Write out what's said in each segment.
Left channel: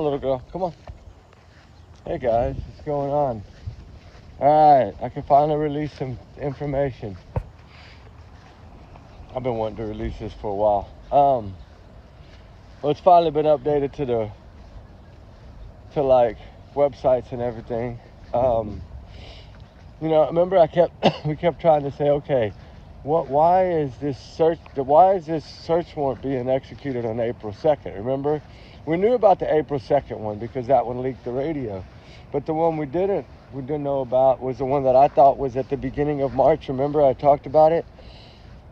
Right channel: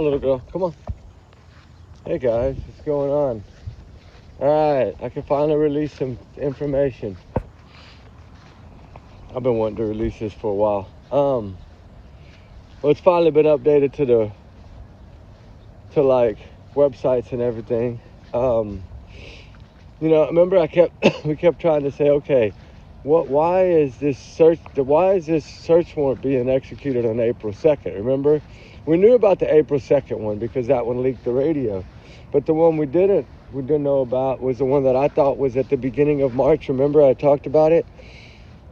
on, little girl. Come on. Hey, guys. What's going on? All right. I can finally release some information. I've been wanting to release this for a while. Well, it's finally been updated to like websites and everything. You know, remember we kept trying to say, okay, why is this search warrant being executed on April 2nd? Remember, we knew about the April 2nd one because that one leaked the radio, but the one we didn't know about was the one that I thought was at the beginning of March. Remember, I talked about it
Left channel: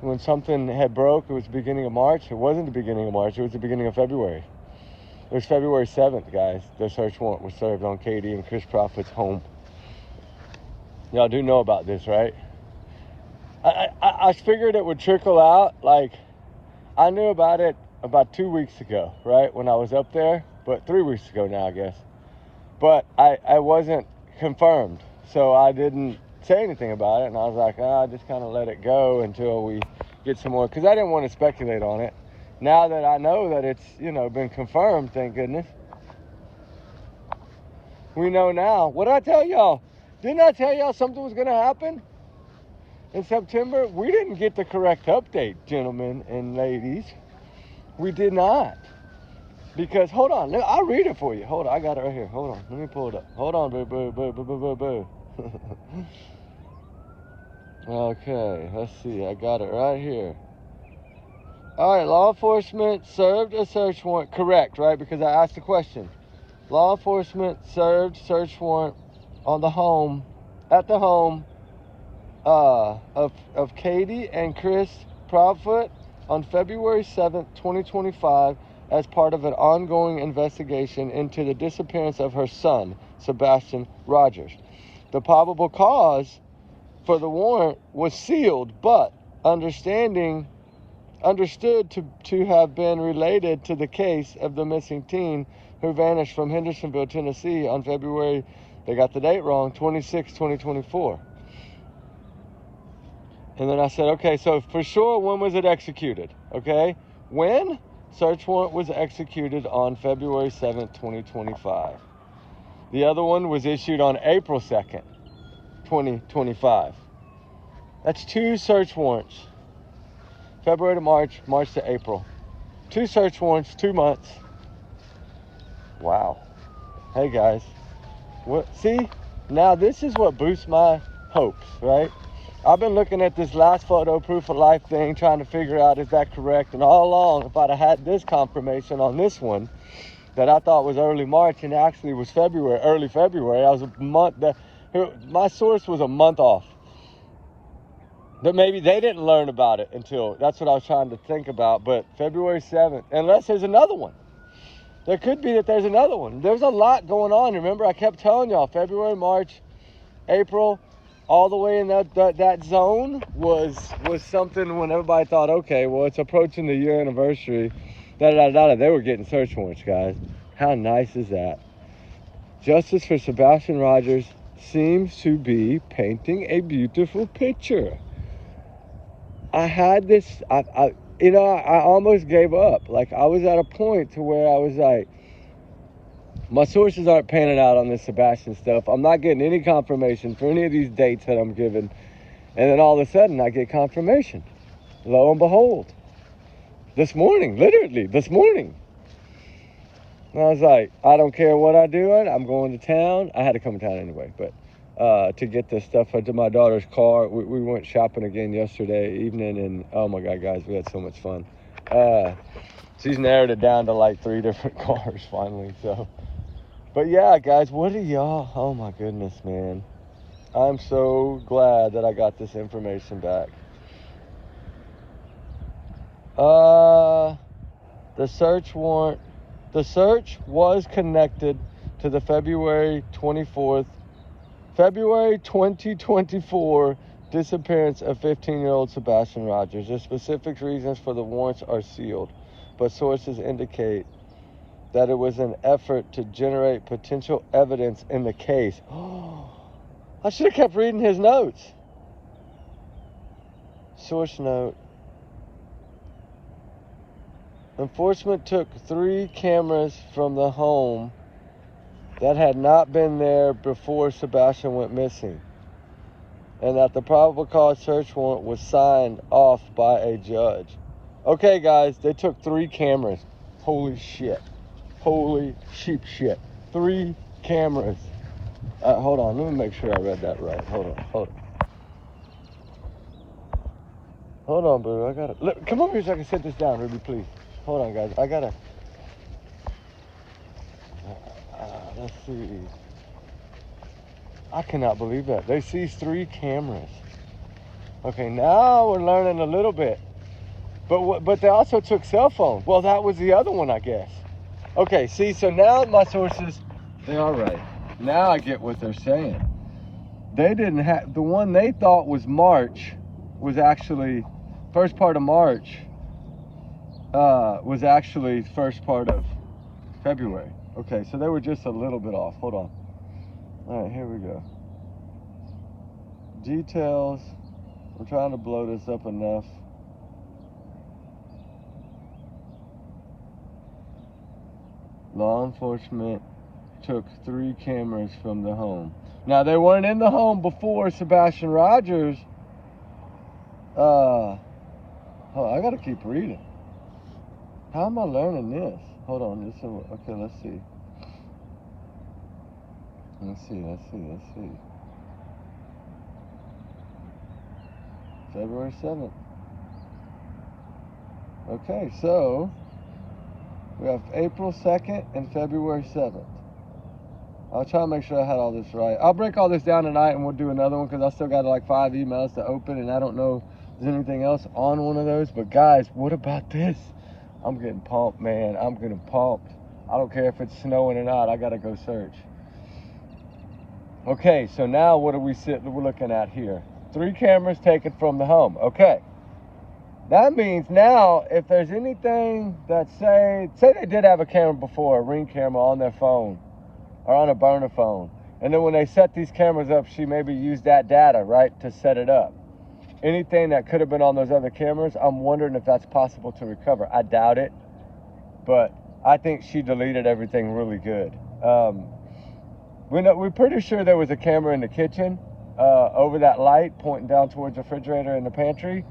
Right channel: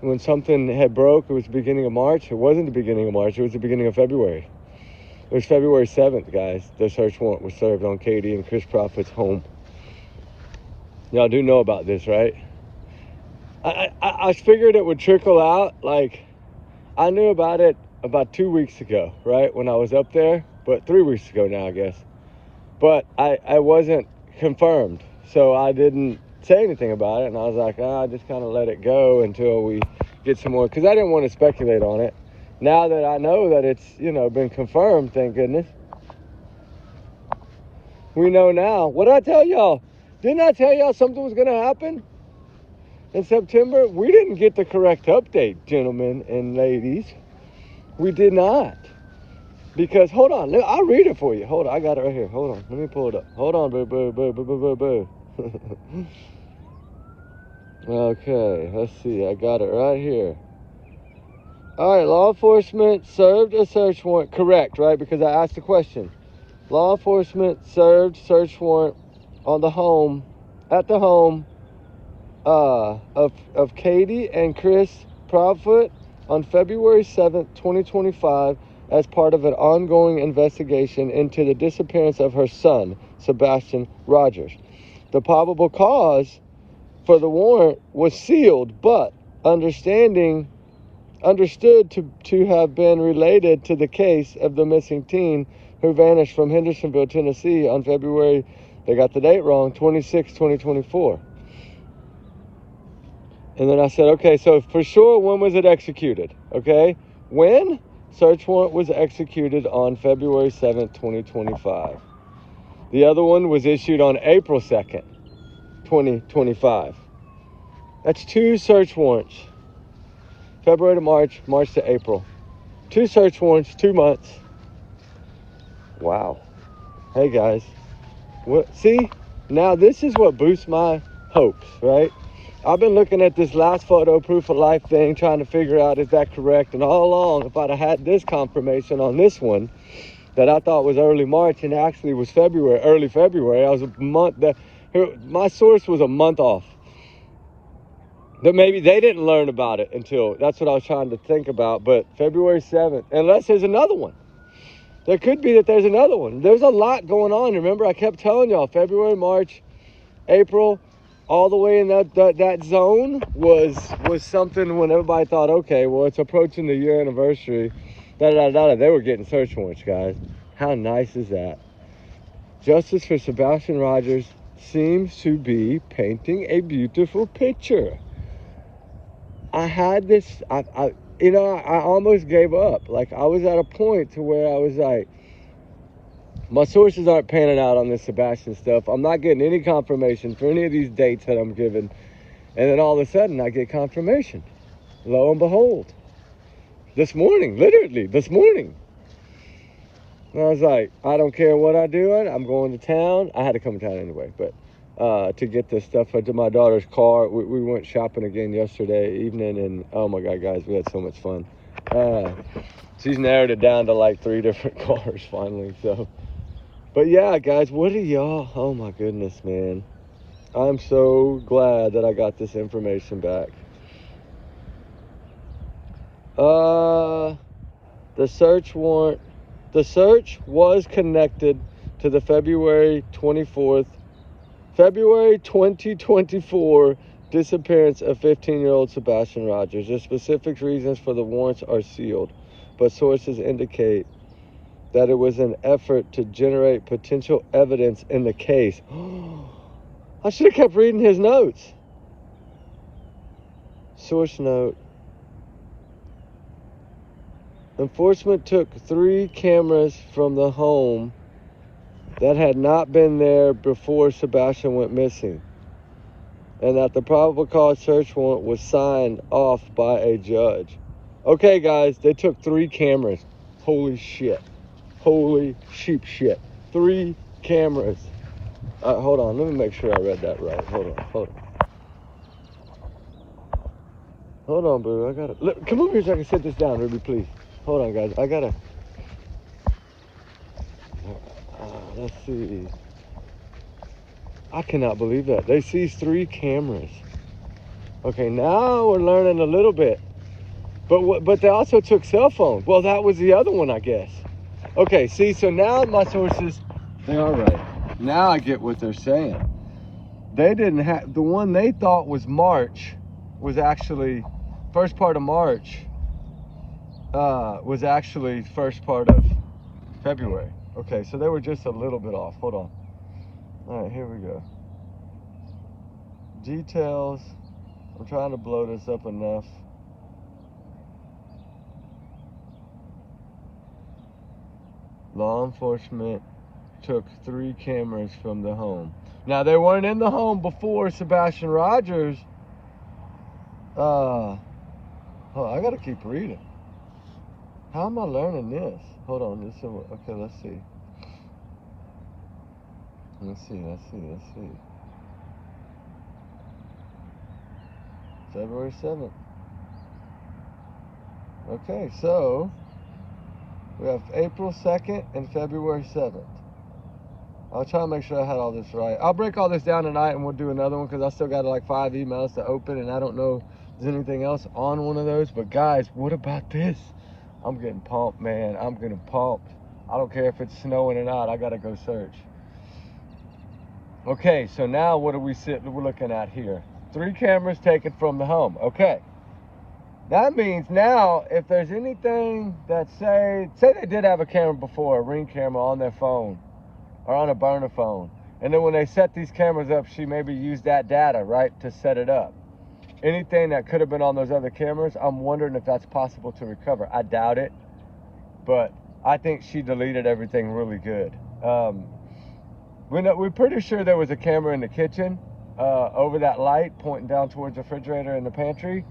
when something had broke. It was the beginning of March. It wasn't the beginning of March. It was the beginning of February. It was February 7th, guys. The search warrant was served on Katie and Chris Proudfoot's home. Y'all do know about this, right? I figured it would trickle out. Like, I knew about it about 2 weeks ago, right? When I was up there, but 3 weeks ago now, I guess. But I wasn't confirmed, so I didn't say anything about it. And I was like, I just kind of let it go until we get some more, because I didn't want to speculate on it. Now that I know that it's, been confirmed, thank goodness. We know now. What did I tell y'all? Didn't I tell y'all something was going to happen in September? We didn't get the correct update, gentlemen and ladies. We did not. Because, hold on, I'll read it for you. Hold on, I got it right here. Hold on, let me pull it up. Hold on, boo. Okay, let's see. I got it right here. All right, law enforcement served a search warrant. Correct, right? Because I asked the question. Law enforcement served search warrant on the home, at the home of Katie and Chris Proudfoot on February 7th, 2025, as part of an ongoing investigation into the disappearance of her son, Sebastian Rogers. The probable cause for the warrant was sealed, but understood to have been related to the case of the missing teen who vanished from Hendersonville, Tennessee on February, they got the date wrong, 26, 2024. And then I said, okay, so for sure, when was it executed? Okay, when? Search warrant was executed on February 7th, 2025. The other one was issued on April 2nd, 2025. That's 2 search warrants. February to March, March to April. 2 search warrants, 2 months. Wow. Hey, guys. See, now this is what boosts my hopes, right? I've been looking at this last photo proof of life thing, trying to figure out is that correct. And all along, if I'd have had this confirmation on this one that I thought was early March and actually was early February, I was a month, my source was a month off. That maybe they didn't learn about it until, that's what I was trying to think about. But February 7th, unless there's another one. There could be that there's another one. There's a lot going on. Remember, I kept telling y'all, February, March, April, all the way in that zone was something when everybody thought, okay, well, it's approaching the year anniversary. They were getting search warrants, guys. How nice is that? Justice for Sebastian Rogers seems to be painting a beautiful picture. I had this, I almost gave up. Like, I was at a point to where I was like, my sources aren't panning out on this Sebastian stuff. I'm not getting any confirmation for any of these dates that I'm given. And then all of a sudden, I get confirmation. Lo and behold. Literally this morning. And I was like, I don't care what I do. I'm going to town. I had to come to town anyway, but to get this stuff into my daughter's car. We went shopping again yesterday evening, and oh my God, guys, we had so much fun. She's narrowed it down to like 3 different cars finally, so. But yeah, guys, what are y'all? Oh my goodness, man. I'm so glad that I got this information back. The search was connected to the February 2024 disappearance of 15-year-old Sebastian Rogers. The specific reasons for the warrants are sealed, but sources indicate that it was an effort to generate potential evidence in the case. I should have kept reading his notes. Source note. Enforcement took 3 cameras from the home that had not been there before Sebastian went missing, and that the probable cause search warrant was signed off by a judge. Okay, guys, they took 3 cameras. Holy shit. Holy sheep shit. 3 cameras. Hold on, let me make sure I read that right. Hold on. Hold on, boo. I gotta look, come over here so I can sit this down, Ruby, please. Hold on, guys. I gotta. Let's see. I cannot believe that they seized 3 cameras. Okay, now we're learning a little bit. But they also took cell phones. Well, that was the other one, I guess. Okay, see, so now my sources, they are right. Now I get what they're saying. They didn't have, the one they thought was March was actually, first part of March, was actually first part of February. Okay, so they were just a little bit off. Hold on. All right, here we go. Details. I'm trying to blow this up enough. Law enforcement took 3 cameras from the home. Now, they weren't in the home before Sebastian Rogers. Oh, I gotta keep reading. How am I learning this? Hold on, listen. Okay, let's see. Let's see. February 7th. Okay, so we have April 2nd and February 7th. I'll try to make sure I had all this right. I'll break all this down tonight and we'll do another one because I still got like 5 emails to open and I don't know if there's anything else on one of those. But guys, what about this? I'm getting pumped, man. I'm getting pumped. I don't care if it's snowing or not. I got to go search. Okay, so now what are we're looking at here? 3 cameras taken from the home. Okay. That means now, if there's anything that say they did have a camera before, a Ring camera on their phone or on a burner phone, and then when they set these cameras up, she maybe used that data, right, to set it up. Anything that could have been on those other cameras, I'm wondering if that's possible to recover. I doubt it, but I think she deleted everything really good. We're pretty sure there was a camera in the kitchen over that light pointing down towards the refrigerator in the pantry.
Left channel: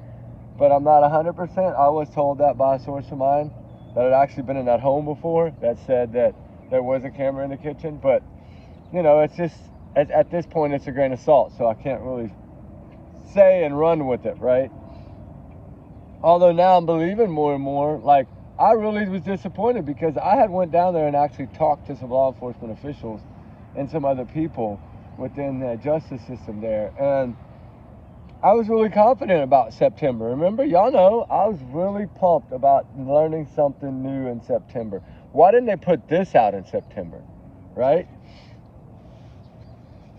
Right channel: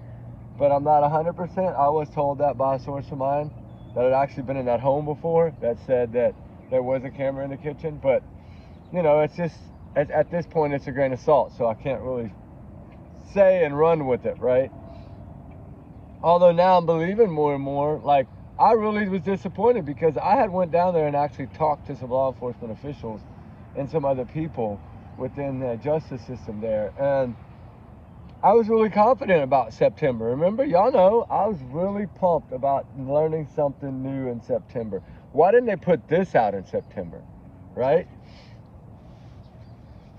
But I'm not 100%. I was told that by a source of mine that had actually been in that home before that said that there was a camera in the kitchen. But, you know, it's just, at this point, it's a grain of salt. So I can't really say and run with it, right? Although now I'm believing more and more. Like, I really was disappointed because I had went down there and actually talked to some law enforcement officials and some other people within the justice system there. And I was really confident about September. Remember, y'all know, I was really pumped about learning something new in September. Why didn't they put this out in September, right?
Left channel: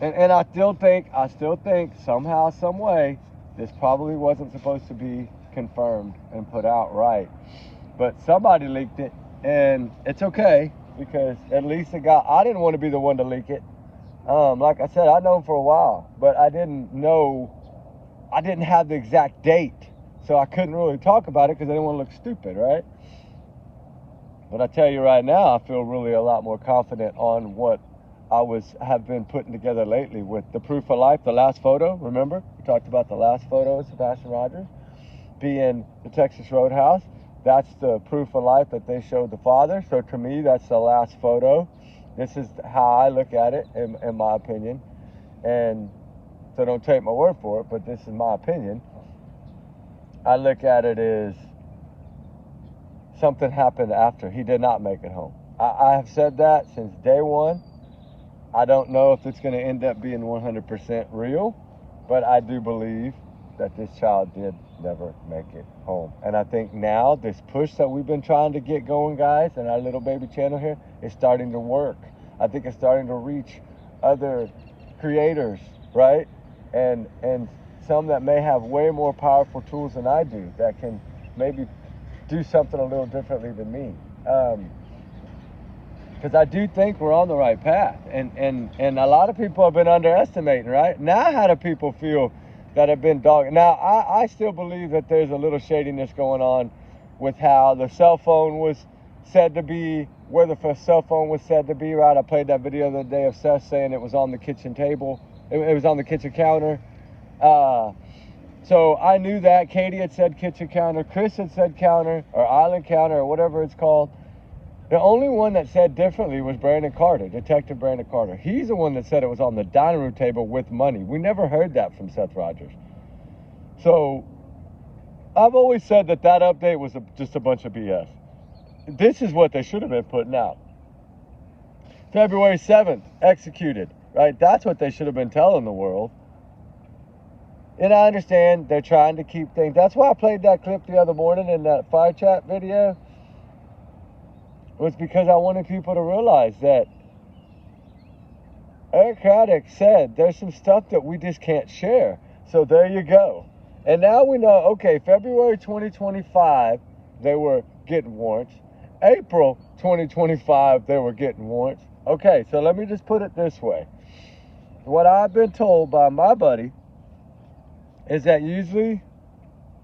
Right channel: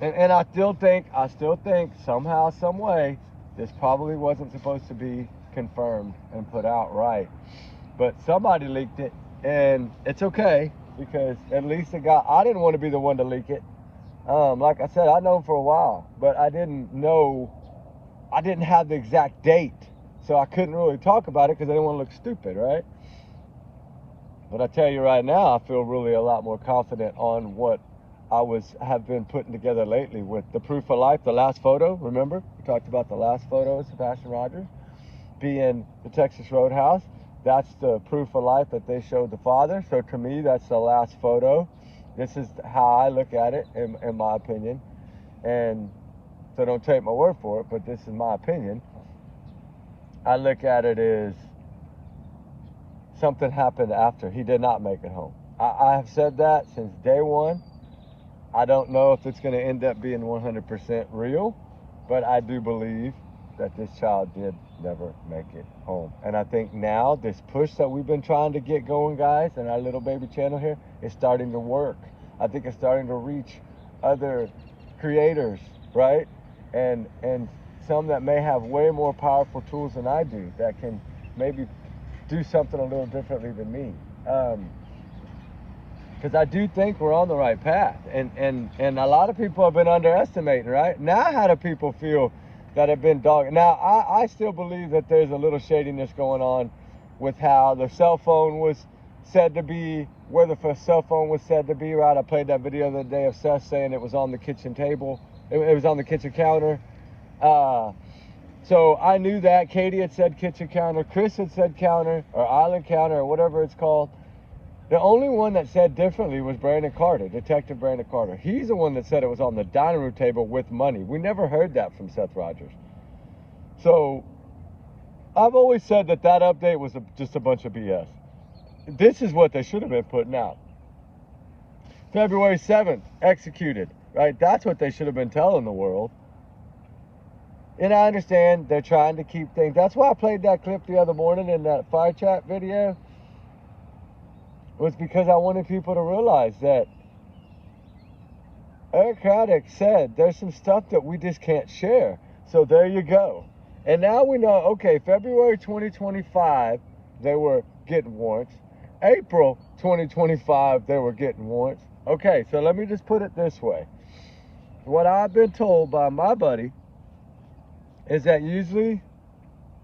And I still think somehow, some way, this probably wasn't supposed to be confirmed and put out right. But somebody leaked it, and it's okay, because at least I didn't want to be the one to leak it. Like I said, I'd known for a while, but I didn't have the exact date, so I couldn't really talk about it because I didn't want to look stupid, right? But I tell you right now, I feel really a lot more confident on what I have been putting together lately with the proof of life, the last photo. Remember, we talked about the last photo of Sebastian Rogers being the Texas Roadhouse. That's the proof of life that they showed the father. So to me, that's the last photo. This is how I look at it, in my opinion. And so don't take my word for it, but this is my opinion. I look at it as something happened after. He did not make it home. I have said that since day one. I don't know if it's going to end up being 100% real, but I do believe that this child did never make it home. And I think now this push that we've been trying to get going, guys, in our little baby channel here is starting to work. I think it's starting to reach other creators, right? And some that may have way more powerful tools than I do that can maybe do something a little differently than me. Because I do think we're on the right path. And a lot of people have been underestimating, right? Now how do people feel that have been dogged? Now, I still believe that there's a little shadiness going on with how the cell phone was said to be, where the cell phone was said to be, right? I played that video the other day of Seth saying it was on the kitchen table. It was on the kitchen counter. So I knew that. Katie had said kitchen counter. Chris had said counter, or island counter, or whatever it's called. The only one that said differently was Brandon Carter, Detective Brandon Carter. He's the one that said it was on the dining room table with money. We never heard that from Seth Rogers. So I've always said that update was just a bunch of BS. This is what they should have been putting out. February 7th, executed, right? That's what they should have been telling the world. And I understand they're trying to keep things. That's why I played that clip the other morning in that fire chat video. It was because I wanted people to realize that Eric Craddock said there's some stuff that we just can't share. So there you go. And now we know, okay, February 2025, they were getting warrants. April 2025, they were getting warrants. Okay, so let me just put it this way. What I've been told by my buddy is that usually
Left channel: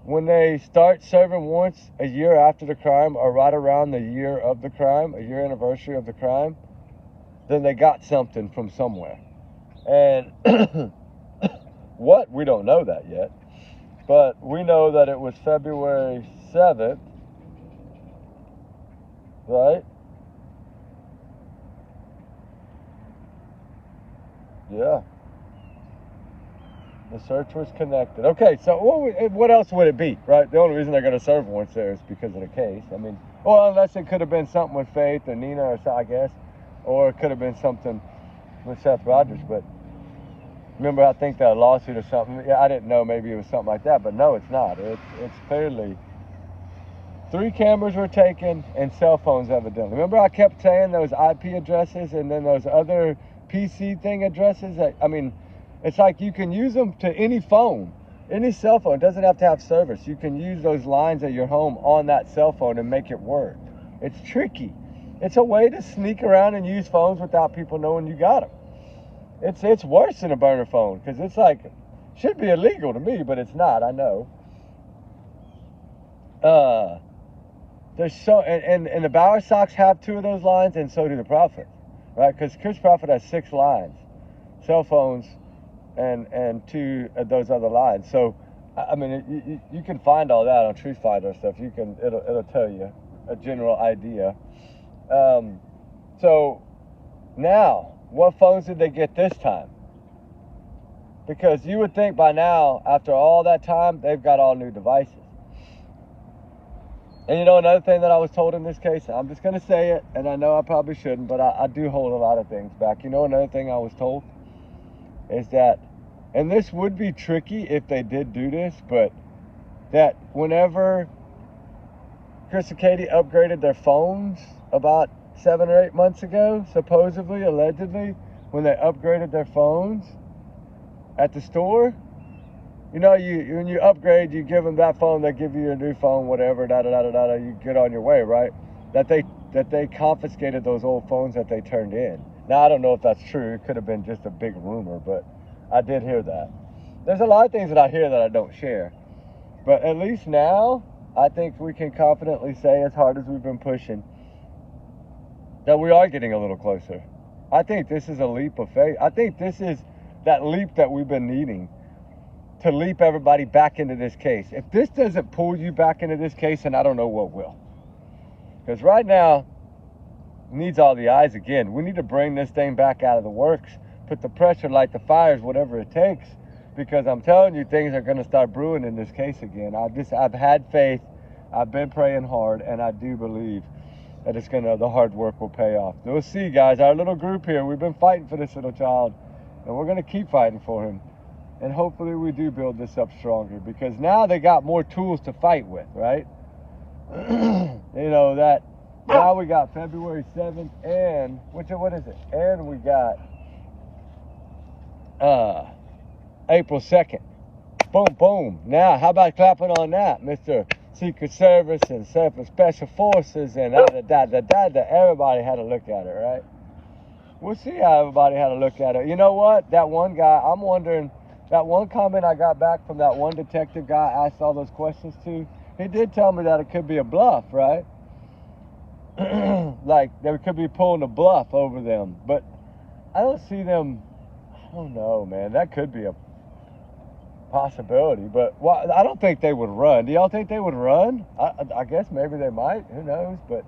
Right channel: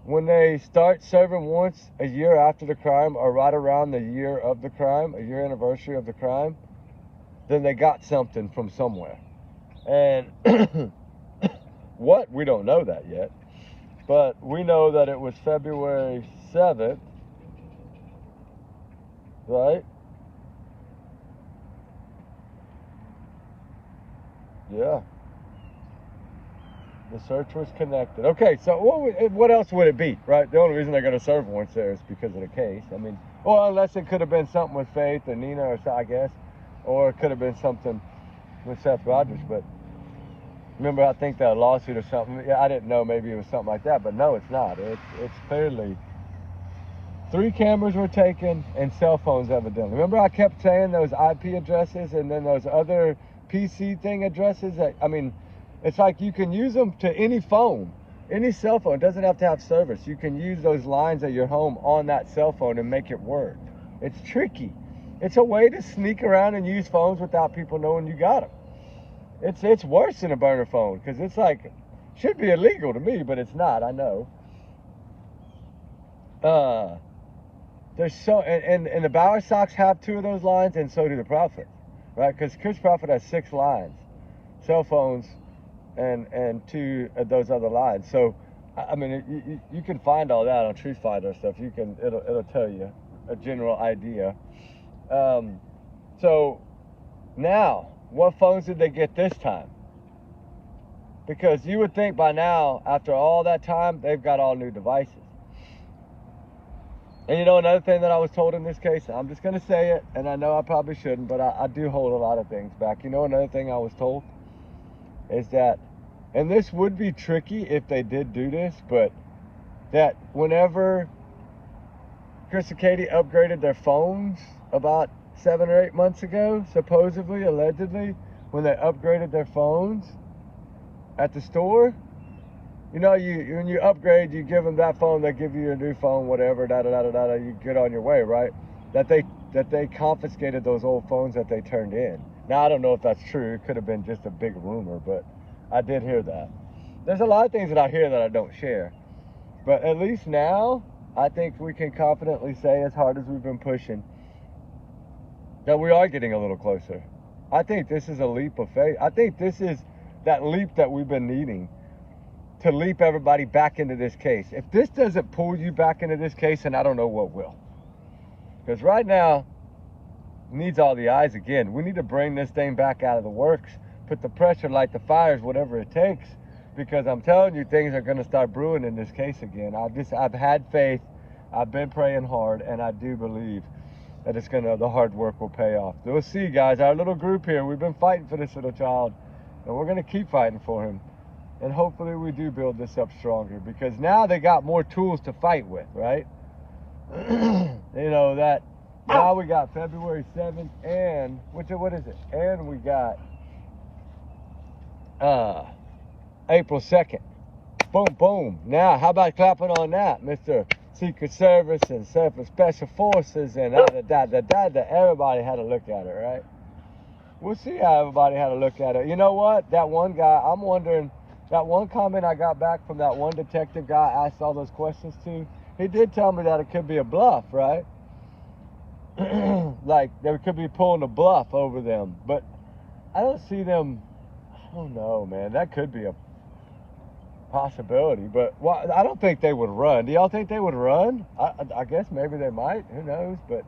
when they start serving warrants a year after the crime, or right around the year of the crime, a year anniversary of the crime, then they got something from somewhere. And what? We don't know that yet. But we know that it was February 7th, right? Yeah. The search was connected. Okay, so what else would it be, right? The only reason they're going to serve warrants there is because of the case. I mean, well, unless it could have been something with Faith or Nina or so, I guess. Or it could have been something with Seth Rogers. But remember, I think that lawsuit or something. Yeah, I didn't know. Maybe it was something like that. But no, it's not. It's clearly 3 cameras were taken and cell phones evidently. Remember I kept saying those IP addresses and then those other PC thing addresses? That, I mean, it's like you can use them to any phone, any cell phone. It doesn't have to have service. You can use those lines at your home on that cell phone and make it work. It's tricky. It's a way to sneak around and use phones without people knowing you got them. It's worse than a burner phone, because it's like, should be illegal to me, but it's not, I know. There's so, and the Bower Sox have 2 of those lines, and so do the Proudfoot, right? Because Chris Proudfoot has 6 lines, cell phones, and 2 of those other lines. So, I mean, you can find all that on Truth Finder and stuff. It'll tell you a general idea. So now, what phones did they get this time? Because you would think by now, after all that time, they've got all new devices. And you know, another thing that I was told in this case, I'm just going to say it, and I know I probably shouldn't, but I do hold a lot of things back. You know, another thing I was told is that, and this would be tricky if they did do this, but that whenever Chris and Katie upgraded their phones about 7 or 8 months ago, supposedly, allegedly, when they upgraded their phones at the store, you know, when you upgrade, you give them that phone, they give you a new phone, whatever, you get on your way, right? That they confiscated those old phones that they turned in. Now, I don't know if that's true. It could have been just a big rumor, but I did hear that. There's a lot of things that I hear that I don't share. But at least now, I think we can confidently say, as hard as we've been pushing, that we are getting a little closer. I think this is a leap of faith. I think this is that leap that we've been needing to leap everybody back into this case. If this doesn't pull you back into this case, then I don't know what will. Because right now, it needs all the eyes again. We need to bring this thing back out of the works, put the pressure, light the fires, whatever it takes. Because I'm telling you, things are going to start brewing in this case again. I've had faith, I've been praying hard, and I do believe that the hard work will pay off. We'll see, guys. Our little group here, we've been fighting for this little child, and we're going to keep fighting for him. And hopefully we do build this up stronger, because now they got more tools to fight with, right? You know, that now we got February 7th and, what is it? And we got April 2nd. Boom, boom. Now, how about clapping on that, Mr. Secret Service and Special Forces and everybody had to look at it, right? We'll see how everybody had to look at it. You know what? That one guy, I'm wondering, that one comment I got back from that one detective guy I asked all those questions to, he did tell me that it could be a bluff, right? Like they could be pulling a bluff over them, but I don't see them. I don't know, man. That could be a possibility, but I don't think they would run. Do y'all think they would run? I guess maybe they might. Who knows? But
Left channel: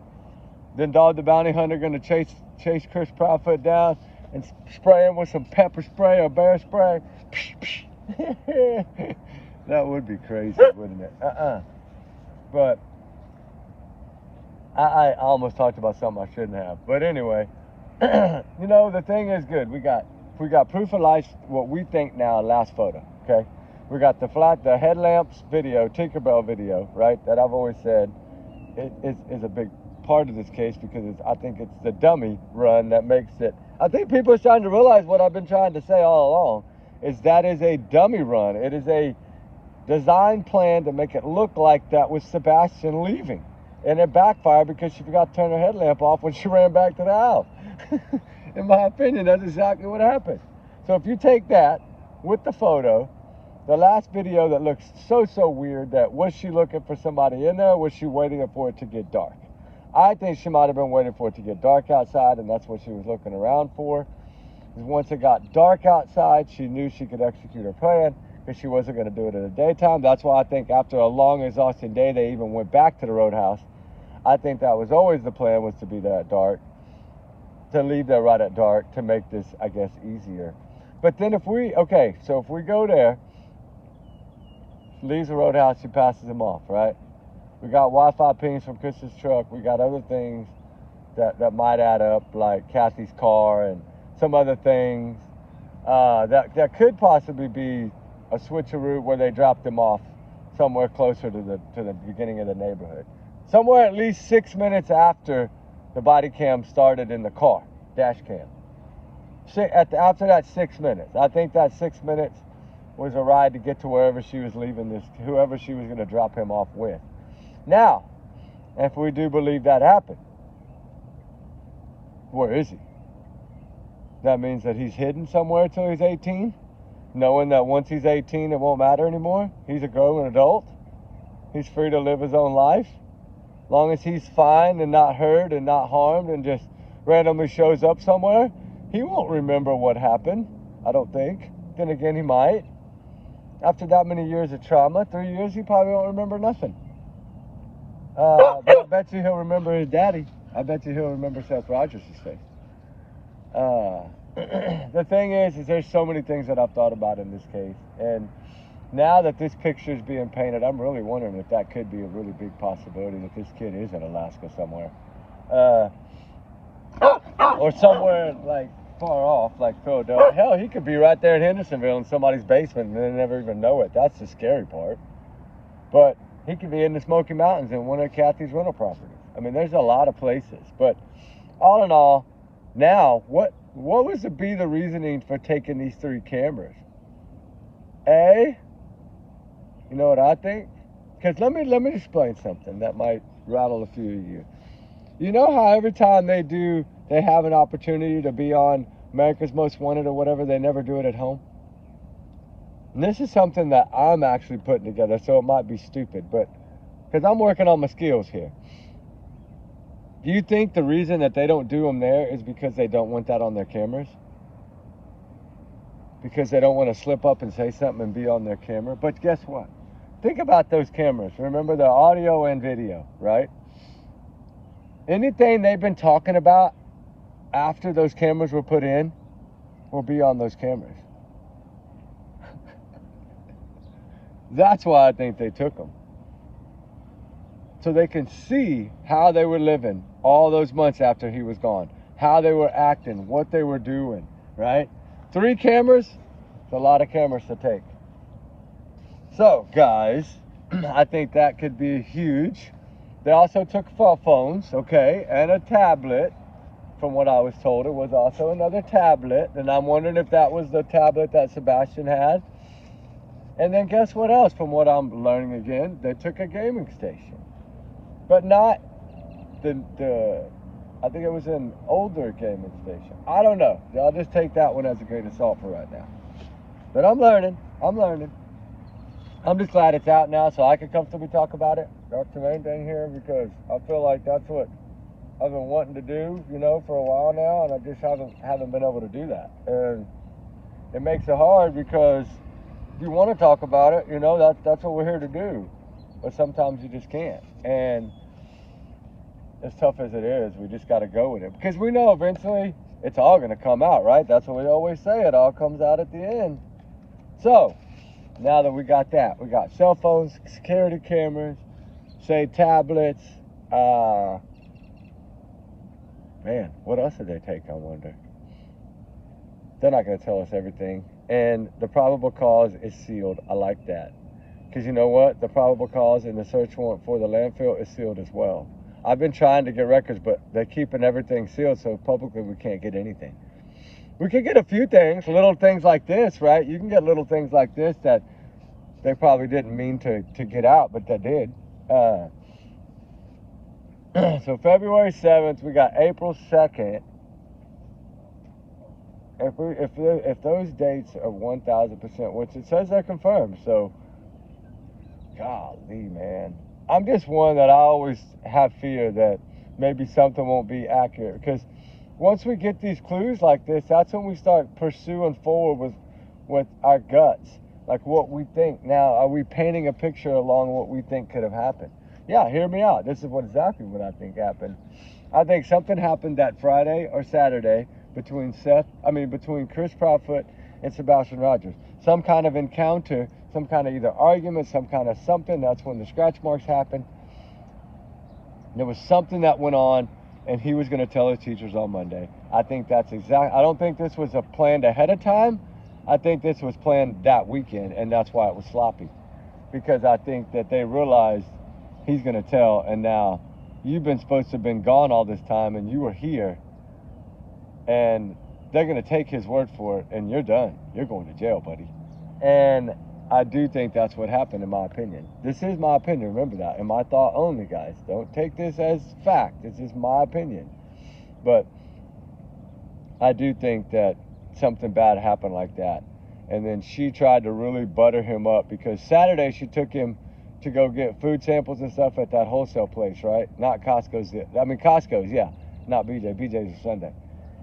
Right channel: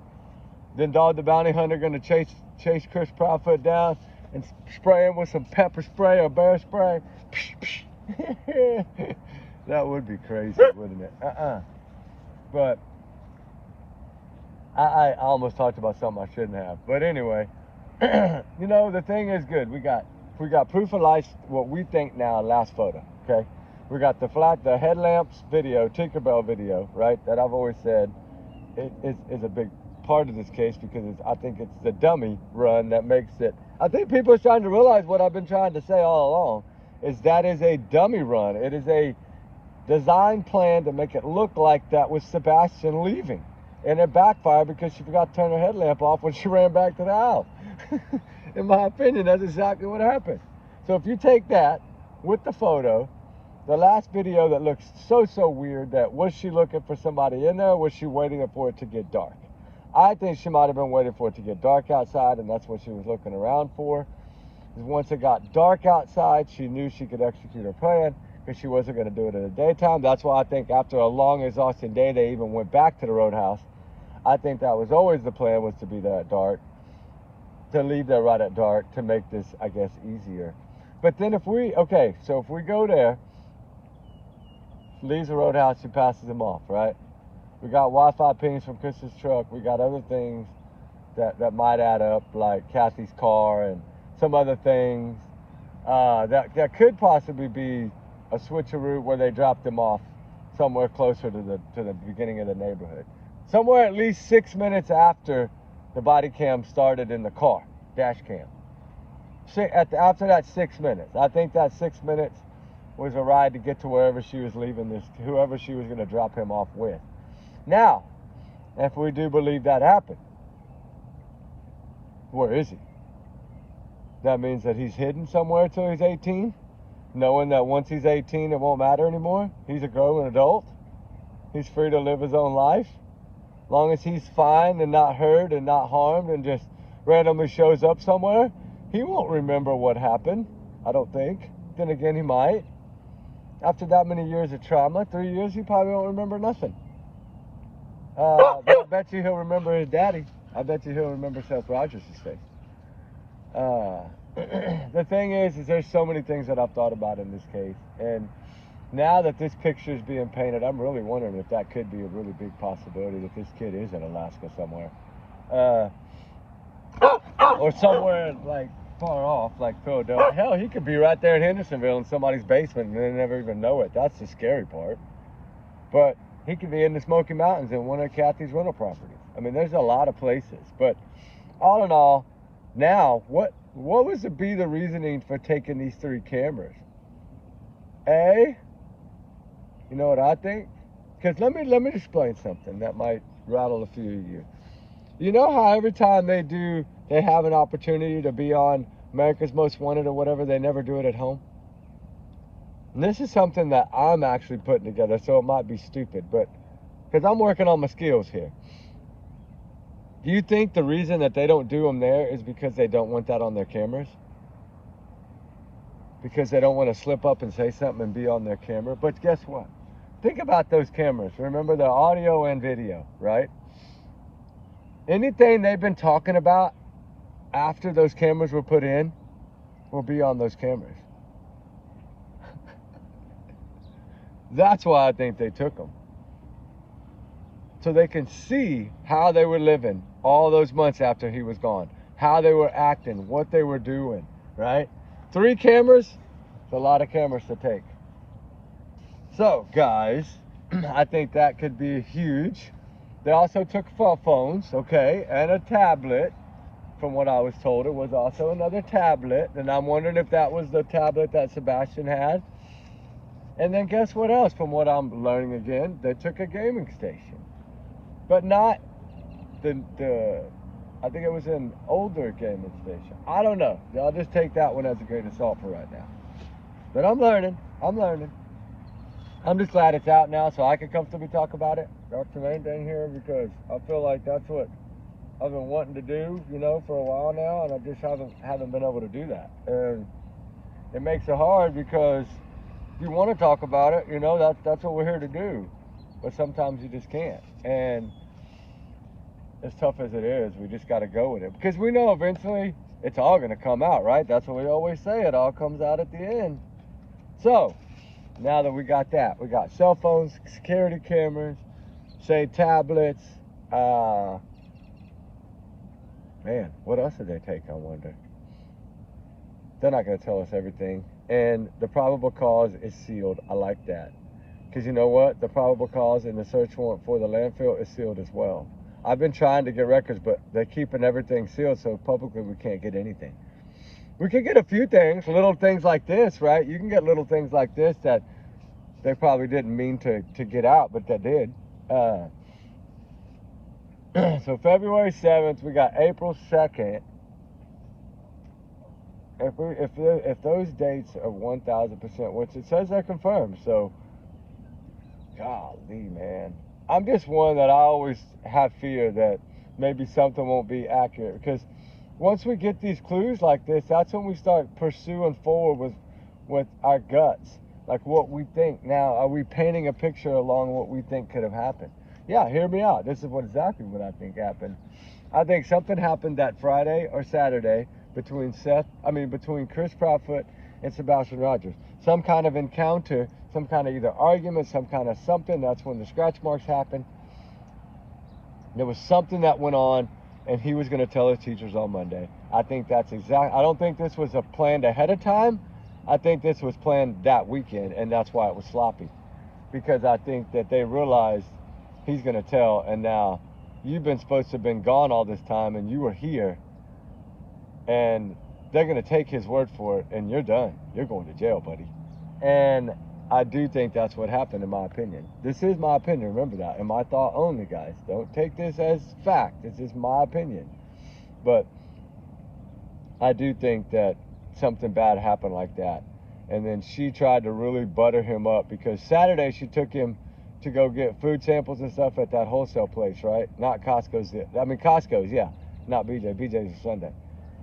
then Dog the Bounty Hunter gonna chase Chris Proudfoot down and spray him with some pepper spray or bear spray. That would be crazy, wouldn't it? But I almost talked about something I shouldn't have. But anyway, you know, the thing is good. We got proof of life, what we think now, last photo, okay? We got the headlamps video, Tinkerbell video, right? That I've always said is a big part of this case, because I think it's the dummy run that makes it. I think people are starting to realize what I've been trying to say all along, is that is a dummy run. It is a design plan to make it look like that was Sebastian leaving. And it backfired because she forgot to turn her headlamp off when she ran back to the house. In my opinion, that's exactly what happened. So if you take that with the photo, the last video that looks so weird, that was she looking for somebody in there, or was she waiting for it to get dark? I think she might have been waiting for it to get dark outside, and that's what she was looking around for. Because once it got dark outside, she knew she could execute her plan, because she wasn't going to do it in the daytime. That's why I think after a long, exhausting day, they even went back to the roadhouse. I think that was always the plan, was to be that dark, to leave there right at dark, to make this, I guess, easier. But then if we go there, leaves the roadhouse, she passes him off, right? We got Wi-Fi pings from Chris's truck. We got other things that might add up, like Kathy's car and some other things that could possibly be a switcheroo where they dropped him off somewhere closer to the beginning of the neighborhood. Somewhere at least 6 minutes after the body cam started in the car, dash cam. After that 6 minutes, I think that 6 minutes was a ride to get to wherever she was leaving whoever she was going to drop him off with. Now, if we do believe that happened, where is he? That means that he's hidden somewhere till he's 18, knowing that once he's 18, it won't matter anymore. He's a grown adult. He's free to live his own life. Long as he's fine and not hurt and not harmed and just randomly shows up somewhere, he won't remember what happened, I don't think. Then again, he might. After that many years of trauma, 3 years, he probably won't remember nothing. But I bet you he'll remember his daddy. I bet you he'll remember Seth Rogers' face. The thing is there's so many things that I've thought about in this case. And now that this picture is being painted, I'm really wondering if that could be a really big possibility, that this kid is in Alaska somewhere. Or somewhere like far off, like Philadelphia. Hell, he could be right there in Hendersonville in somebody's basement and they never even know it. That's the scary part. But he could be in the Smoky Mountains in one of Kathy's rental properties. I mean, there's a lot of places. But all in all, now, what was to be the reasoning for taking these 3 cameras? You know what I think? Because let me explain something that might rattle a few of you. You know how every time they have an opportunity to be on America's Most Wanted or whatever, they never do it at home? And this is something that I'm actually putting together, so it might be stupid, but because I'm working on my skills here. Do you think the reason that they don't do them there is because they don't want that on their cameras? Because they don't want to slip up and say something and be on their camera? But guess what? Think about those cameras. Remember, the audio and video, right? Anything they've been talking about after those cameras were put in will be on those cameras. That's why I think they took them. So they can see how they were living all those months after he was gone. How they were acting, what they were doing, right? 3 cameras, it's a lot of cameras to take. So, guys, I think that could be huge. They also took cell phones, okay, and a tablet. From what I was told, it was also another tablet. And I'm wondering if that was the tablet that Sebastian had. And then guess what else? From what I'm learning again, they took a gaming station. But not I think it was an older gaming station. I don't know. I'll just take that one as a grain of salt for right now. But I'm learning. I'm just glad it's out now so I can comfortably talk about it. That's the main thing here, because I feel like that's what I've been wanting to do, you know, for a while now, and I just haven't been able to do that. And it makes it hard because you want to talk about it, you know, that's what we're here to do. But sometimes you just can't. And as tough as it is, we just got to go with it. Because we know eventually it's all going to come out, right? That's what we always say. It all comes out at the end. So, now that we got that, we got cell phones, security cameras, say tablets. Man, what else did they take, I wonder? They're not going to tell us everything. And the probable cause is sealed. I like that. Because you know what? The probable cause and the search warrant for the landfill is sealed as well. I've been trying to get records, but they're keeping everything sealed, so publicly we can't get anything. We can get a few things, little things like this, right? You can get little things like this that they probably didn't mean to get out, but they did. So February 7th, we got April 2nd. If those dates are 1,000%, which it says they're confirmed, so golly, man. I'm just one that I always have fear that maybe something won't be accurate, because once we get these clues like this, that's when we start pursuing forward with our guts, like what we think. Now, are we painting a picture along what we think could have happened? Yeah, hear me out. This is exactly what I think happened. I think something happened that Friday or Saturday between Chris Proudfoot and Sebastian Rogers. Some kind of encounter, some kind of either argument, some kind of something. That's when the scratch marks happened. There was something that went on, and he was going to tell his teachers on Monday. I think that's I don't think this was planned ahead of time. I think this was planned that weekend, and that's why it was sloppy. Because I think that they realized he's going to tell, and now you've been supposed to have been gone all this time, and you were here, and they're going to take his word for it, and you're done. You're going to jail, buddy. And I do think that's what happened, in my opinion. This is my opinion, remember that, and my thought only, guys. Don't take this as fact. This is my opinion. But I do think that something bad happened like that. And then she tried to really butter him up, because Saturday she took him to go get food samples and stuff at that wholesale place, right? Not Costco's. Costco's, yeah. Not BJ. BJ's is Sunday.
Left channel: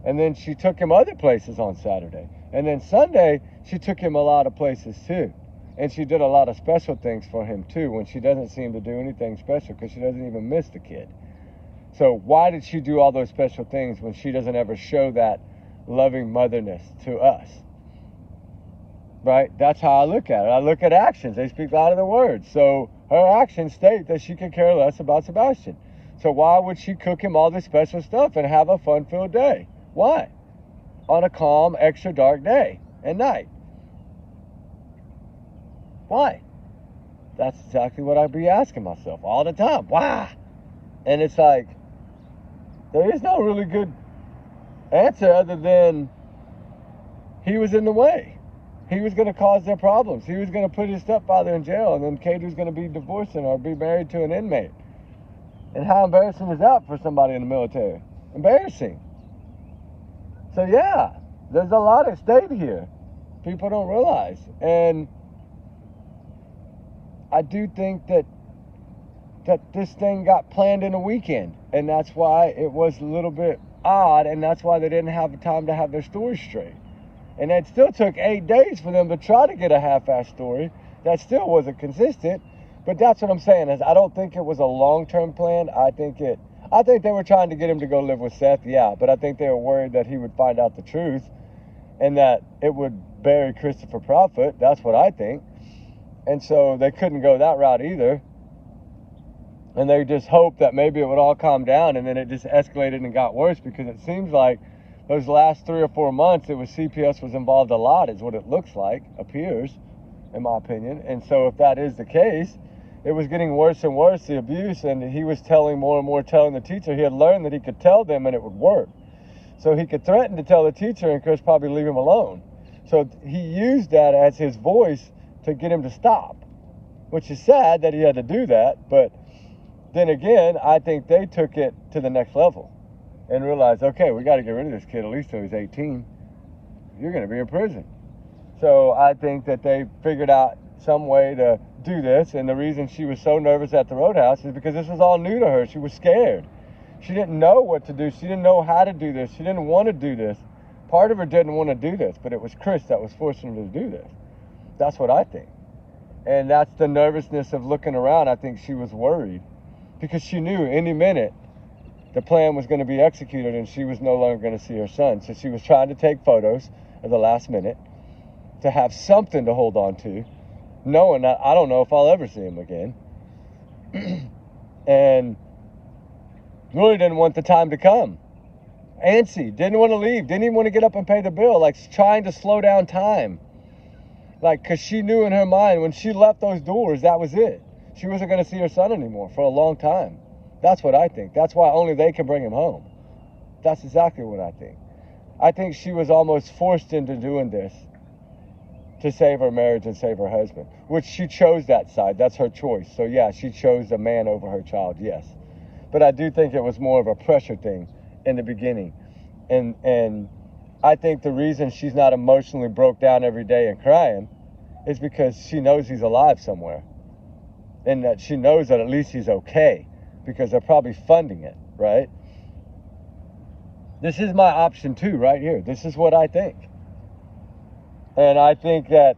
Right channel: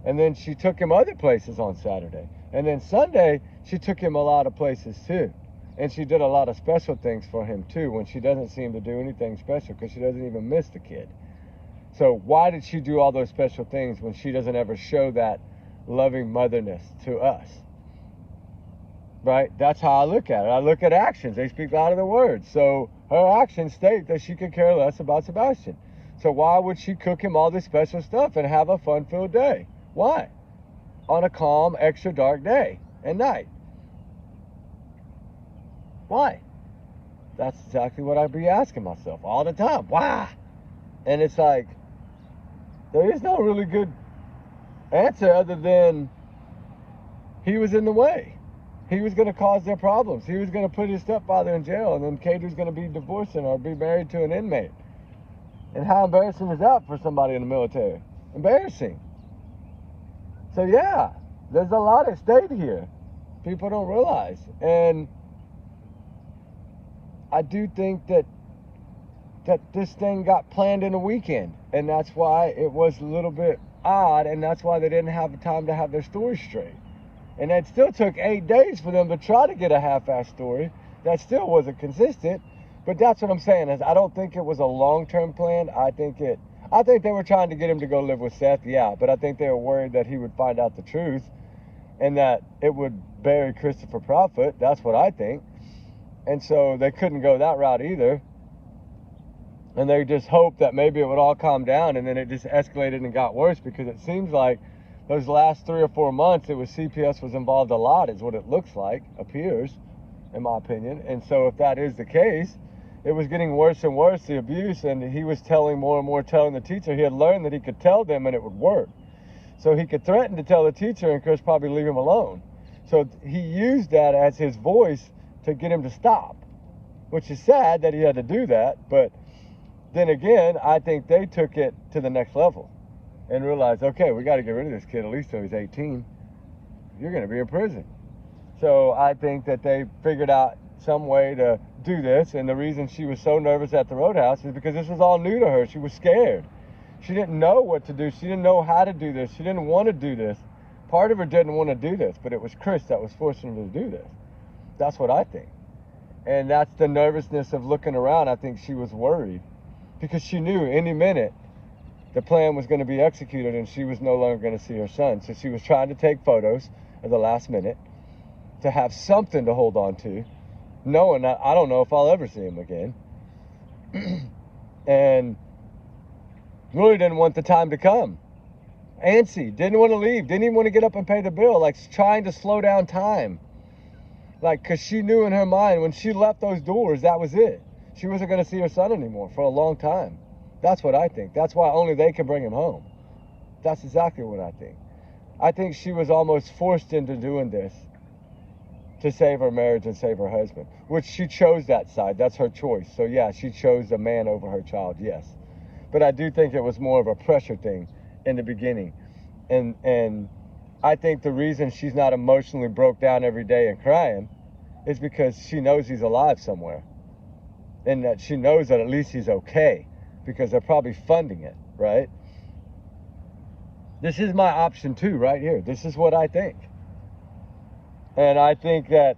And then she took him other places on Saturday. And then Sunday, she took him a lot of places too. And she did a lot of special things for him too, when she doesn't seem to do anything special, because she doesn't even miss the kid. So why did she do all those special things when she doesn't ever show that loving motherness to us? Right? That's how I look at it. I look at actions. They speak louder than words. So her actions state that she could care less about Sebastian. So why would she cook him all this special stuff and have a fun-filled day? Why? On a calm, extra dark day and night. Why? That's exactly what I'd be asking myself all the time. Why? And it's like, there is no really good answer other than he was in the way. He was going to cause their problems. He was going to put his stepfather in jail, and then Katie was going to be divorcing or be married to an inmate. And how embarrassing is that for somebody in the military? Embarrassing. So yeah, there's a lot at stake here. People don't realize. And I do think that this thing got planned in a weekend, and that's why it was a little bit odd, and that's why they didn't have the time to have their story straight. And it still took 8 days for them to try to get a half-assed story. That still wasn't consistent. But that's what I'm saying, is I don't think it was a long-term plan. I think they were trying to get him to go live with Seth, yeah, but I think they were worried that he would find out the truth and that it would bury Christopher Proudfoot. That's what I think. And so they couldn't go that route either. And they just hoped that maybe it would all calm down, and then it just escalated and got worse, because it seems like those last 3 or 4 months, it was CPS was involved a lot, is what it looks like, appears, in my opinion. And so if that is the case, it was getting worse and worse, the abuse, and he was telling more and more, telling the teacher. He had learned that he could tell them and it would work. So he could threaten to tell the teacher, and Chris probably leave him alone. So he used that as his voice to get him to stop, which is sad that he had to do that. But then again, I think they took it to the next level and realized, okay, we got to get rid of this kid at least till he's 18. You're going to be in prison. So I think that they figured out some way to do this. And the reason she was so nervous at the roadhouse is because this was all new to her. She was scared. She didn't know what to do. She didn't know how to do this. She didn't want to do this. Part of her didn't want to do this, but it was Chris that was forcing her to do this. That's what I think. And that's the nervousness of looking around. I think she was worried because she knew any minute the plan was going to be executed and she was no longer going to see her son. So she was trying to take photos at the last minute to have something to hold on to, knowing that I don't know if I'll ever see him again. And really didn't want the time to come. Antsy, didn't want to leave, didn't even want to get up and pay the bill, like trying to slow down time. Like, because she knew in her mind when she left those doors, that was it. She wasn't going to see her son anymore for a long time. That's what I think. That's why only they can bring him home. That's exactly what I think. I think she was almost forced into doing this to save her marriage and save her husband, which she chose that side. That's her choice. So yeah, she chose the man over her child, yes. But I do think it was more of a pressure thing in the beginning. And I think the reason she's not emotionally broke down every day and crying is because she knows he's alive somewhere. And that she knows that at least he's okay because they're probably funding it, right? This is my option too, right here. This is what I think. And I think that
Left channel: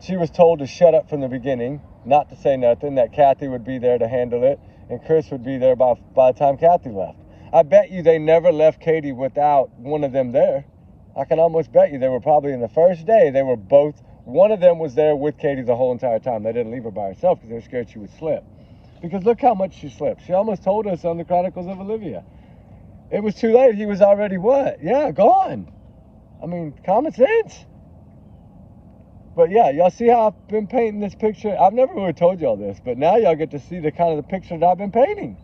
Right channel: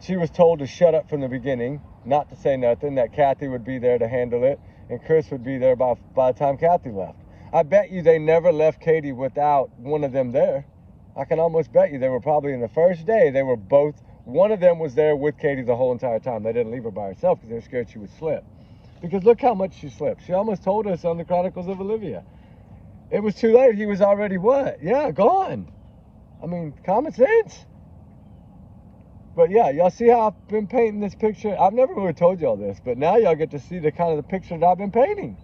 she was told to shut up from the beginning, not to say nothing, that Kathy would be there to handle it, and Chris would be there by the time Kathy left. I bet you they never left Katie without one of them there. I can almost bet you they were probably in the first day, they were both, one of them was there with Katie the whole entire time. They didn't leave her by herself because they were scared she would slip. Because look how much she slipped. She almost told us on the Chronicles of Olivia. It was too late. He was already what? Yeah, gone. I mean, common sense. But yeah, y'all see how I've been painting this picture? I've never really told y'all this, but now y'all get to see the kind of the picture that I've been painting.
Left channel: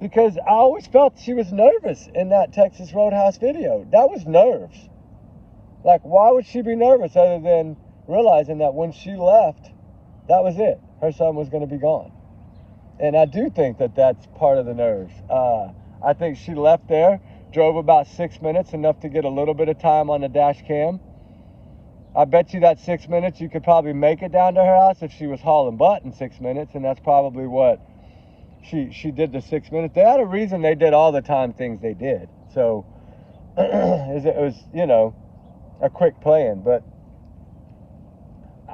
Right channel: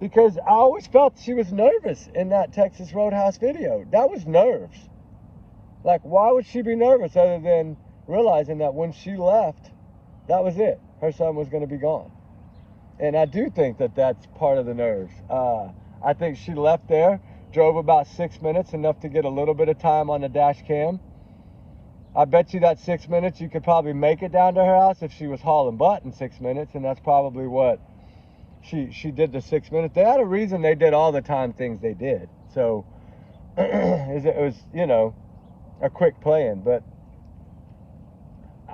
Because I always felt she was nervous in that Texas Roadhouse video. That was nerves. Like, why would she be nervous other than realizing that when she left, that was it. Her son was going to be gone. And I do think that that's part of the nerves. I think she left there, drove about 6 minutes, enough to get a little bit of time on the dash cam. I bet you that 6 minutes, you could probably make it down to her house if she was hauling butt in 6 minutes, and that's probably what she did the 6 minutes. They had a reason they did all the time things they did. So it was, you know, a quick plan. But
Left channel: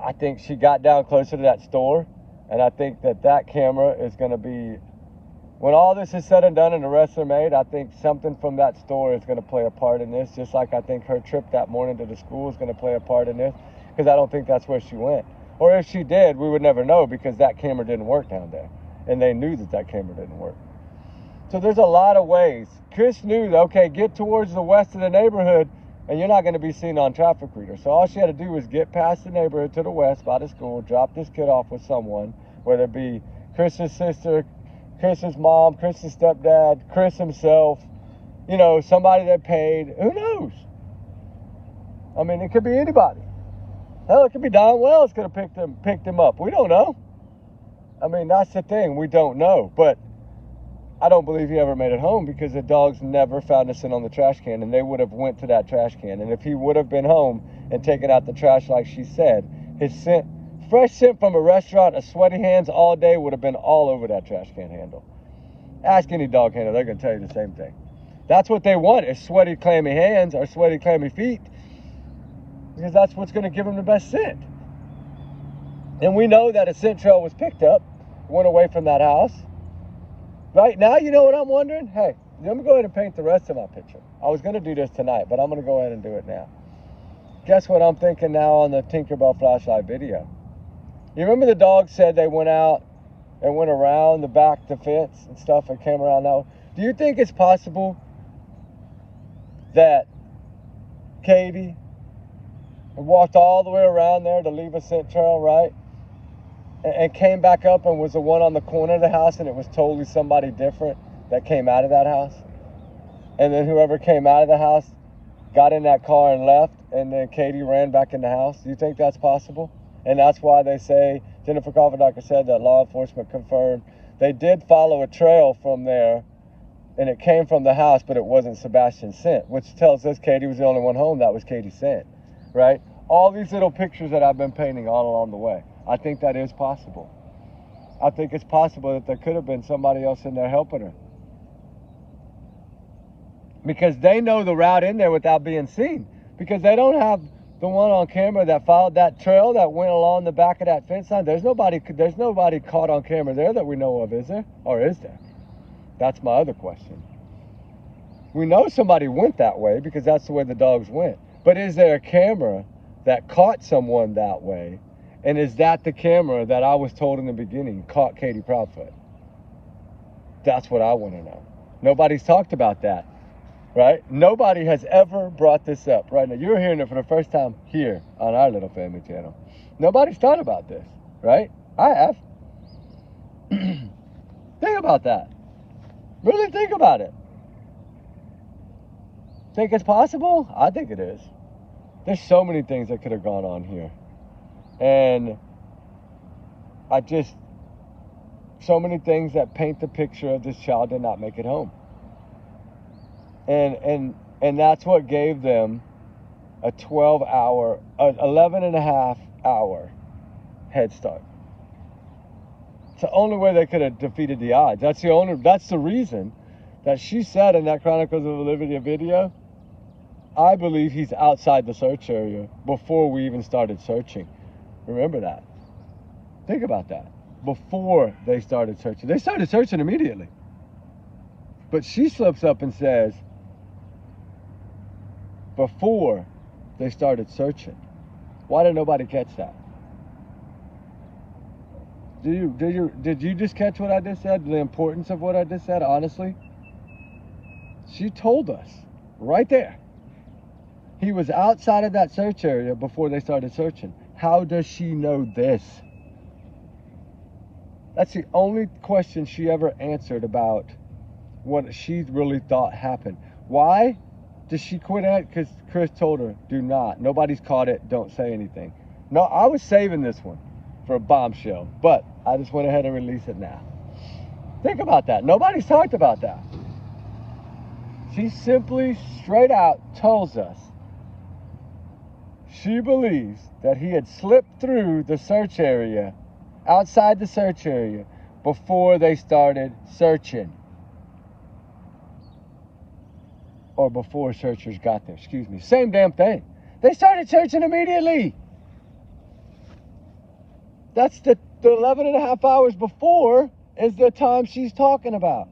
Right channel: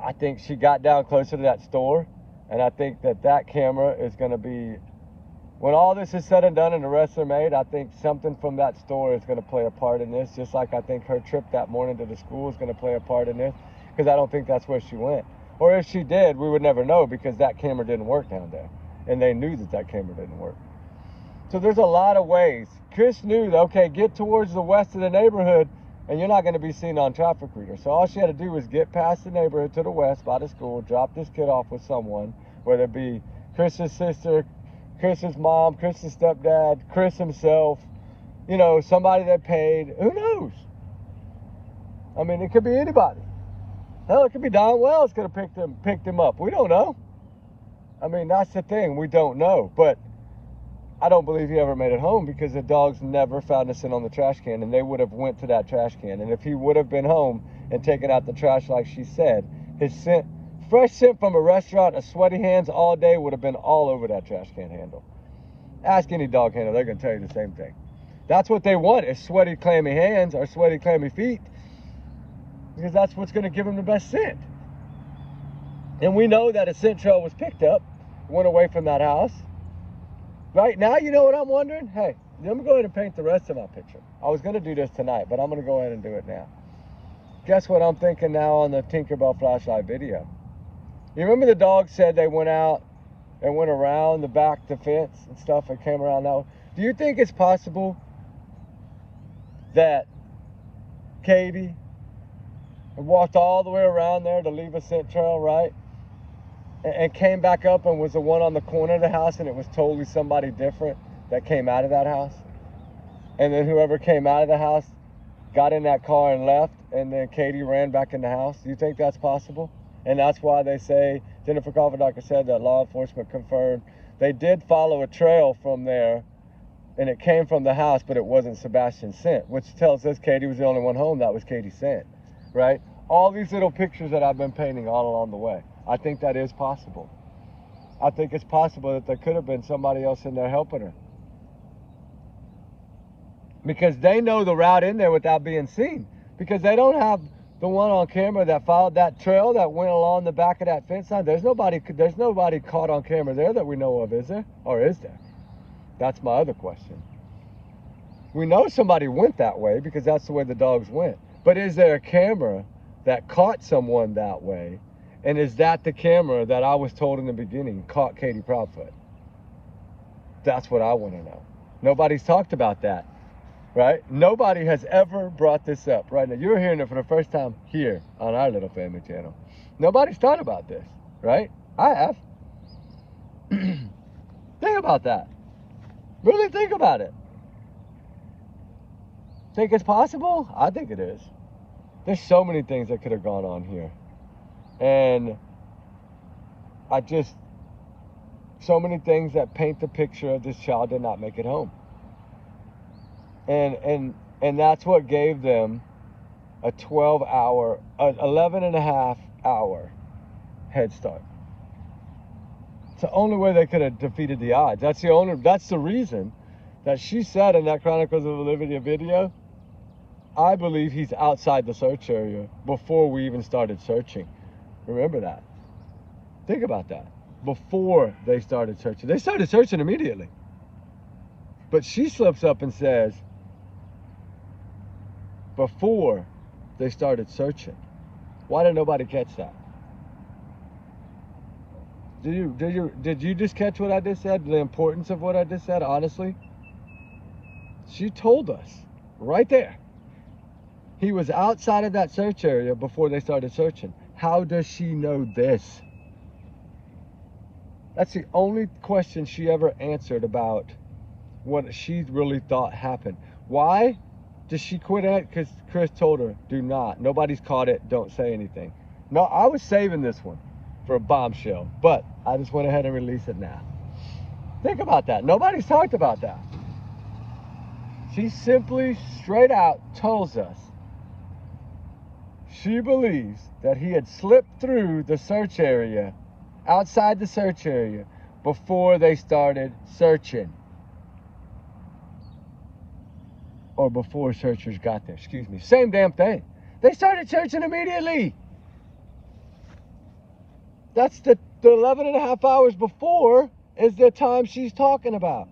I think she got down closer to that store, and I think that that camera is going to be, when all this is said and done and the arrests are made, I think something from that store is going to play a part in this, just like I think her trip that morning to the school is going to play a part in this, because I don't think that's where she went. Or if she did, we would never know because that camera didn't work down there, and they knew that that camera didn't work. So there's a lot of ways. Chris knew that, okay, get towards the west of the neighborhood, and you're not going to be seen on traffic reader. So all she had to do was get past the neighborhood to the west by the school, drop this kid off with someone, whether it be Chris's sister, Chris's mom, Chris's stepdad, Chris himself, you know, somebody that paid. Who knows? I mean, it could be anybody. Hell, it could be Don Wells could have picked him up. We don't know. I mean, that's the thing. We don't know. But I don't believe he ever made it home because the dogs never found a scent on the trash can, and they would have went to that trash can. And if he would have been home and taken out the trash like she said, his scent, fresh scent from a restaurant, a sweaty hands all day would have been all over that trash can handle. Ask any dog handler, they're going to tell you the same thing. That's what they want, is sweaty, clammy hands or sweaty, clammy feet, because that's what's going to give them the best scent. And we know that a scent trail was picked up, went away from that house. Right now, you know what I'm wondering? Hey, let me go ahead and paint the rest of my picture. I was going to do this tonight, but I'm going to go ahead and do it now. Guess what I'm thinking now on the Tinkerbell flashlight video? You remember the dog said they went out and went around the back to fence and stuff and came around that way? Do you think it's possible that Katie walked all the way around there to leave a scent trail, right? And came back up and was the one on the corner of the house, and it was totally somebody different that came out of that house? And then whoever came out of the house got in that car and left, and then Katie ran back in the house? Do you think that's possible? And that's why they say, Jennifer Cofferdoctor said that law enforcement confirmed they did follow a trail from there, and it came from the house, but it wasn't Sebastian's scent, which tells us Katie was the only one home that was Katie's scent, right? all these little pictures that I've been painting all along the way. I think that is possible. I think it's possible that there could have been somebody else in there helping her. Because they know the route in there without being seen. Because they don't have the one on camera that followed that trail that went along the back of that fence line. There's nobody caught on camera there that we know of, is there? Or is there? That's my other question. We know somebody went that way because that's the way the dogs went. But is there a camera that caught someone that way? And is that the camera that I was told in the beginning caught Katie Proudfoot? That's what I want to know. Nobody's talked about that, right? Nobody has ever brought this up. Right now, you're hearing it for the first time here on our little family channel. Nobody's thought about this, right? I have. Think about that. Really think about it. Think it's possible? I think it is. There's so many things that could have gone on here. And so many things that paint the picture of this child did not make it home. And that's what gave them a 11 and a half hour head start. It's the only way they could have defeated the odds. That's the reason that she said in that Chronicles of Olivia video, I believe he's outside the search area before we even started searching. Remember that. Think about that. Before they started searching. They started searching immediately. But she slips up and says, before they started searching. Why did nobody catch that? Did you just catch what I just said? The importance of what I just said, honestly? She told us right there. He was outside of that search area before they started searching. How does she know this? That's the only question she ever answered about what she really thought happened. Why did she quit it? Because Chris told her, do not. Nobody's caught it. Don't say anything. No, I was saving this one for a bombshell, but I just went ahead and released it now. Think about that. Nobody's talked about that. She simply straight out tells us she believes that he had slipped through the search area, outside the search area, before they started searching. Or before searchers got there, excuse me. Same damn thing. They started searching immediately. That's the 11 and a half hours before is the time she's talking about.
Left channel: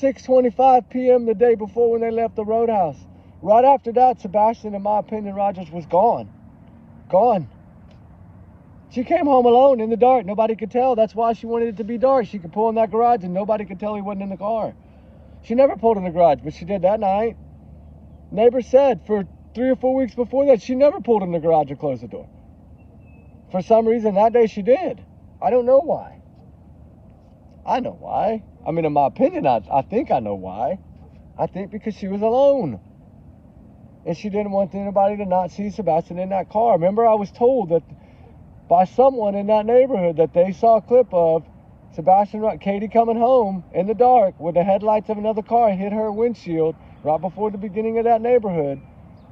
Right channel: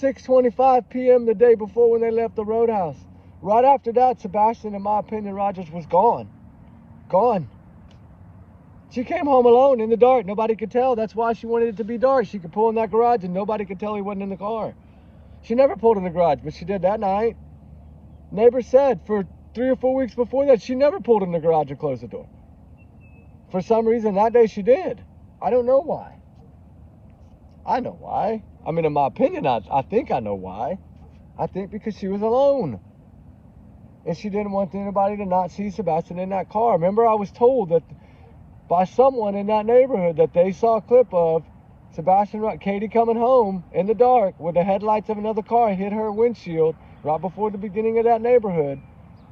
6:25 p.m. the day before when they left the roadhouse. Right after that, Sebastian, in my opinion, Rogers was gone. Gone. She came home alone in the dark. Nobody could tell. That's why she wanted it to be dark. She could pull in that garage and nobody could tell he wasn't in the car. She never pulled in the garage, but she did that night. Neighbors said for 3 or 4 weeks before that, she never pulled in the garage and closed the door. For some reason, that day she did. I don't know why. I know why. I mean, in my opinion, I think I know why. I think because she was alone. And she didn't want anybody to not see Sebastian in that car. Remember, I was told that by someone in that neighborhood that they saw a clip of Katie coming home in the dark with the headlights of another car hit her windshield right before the beginning of that neighborhood.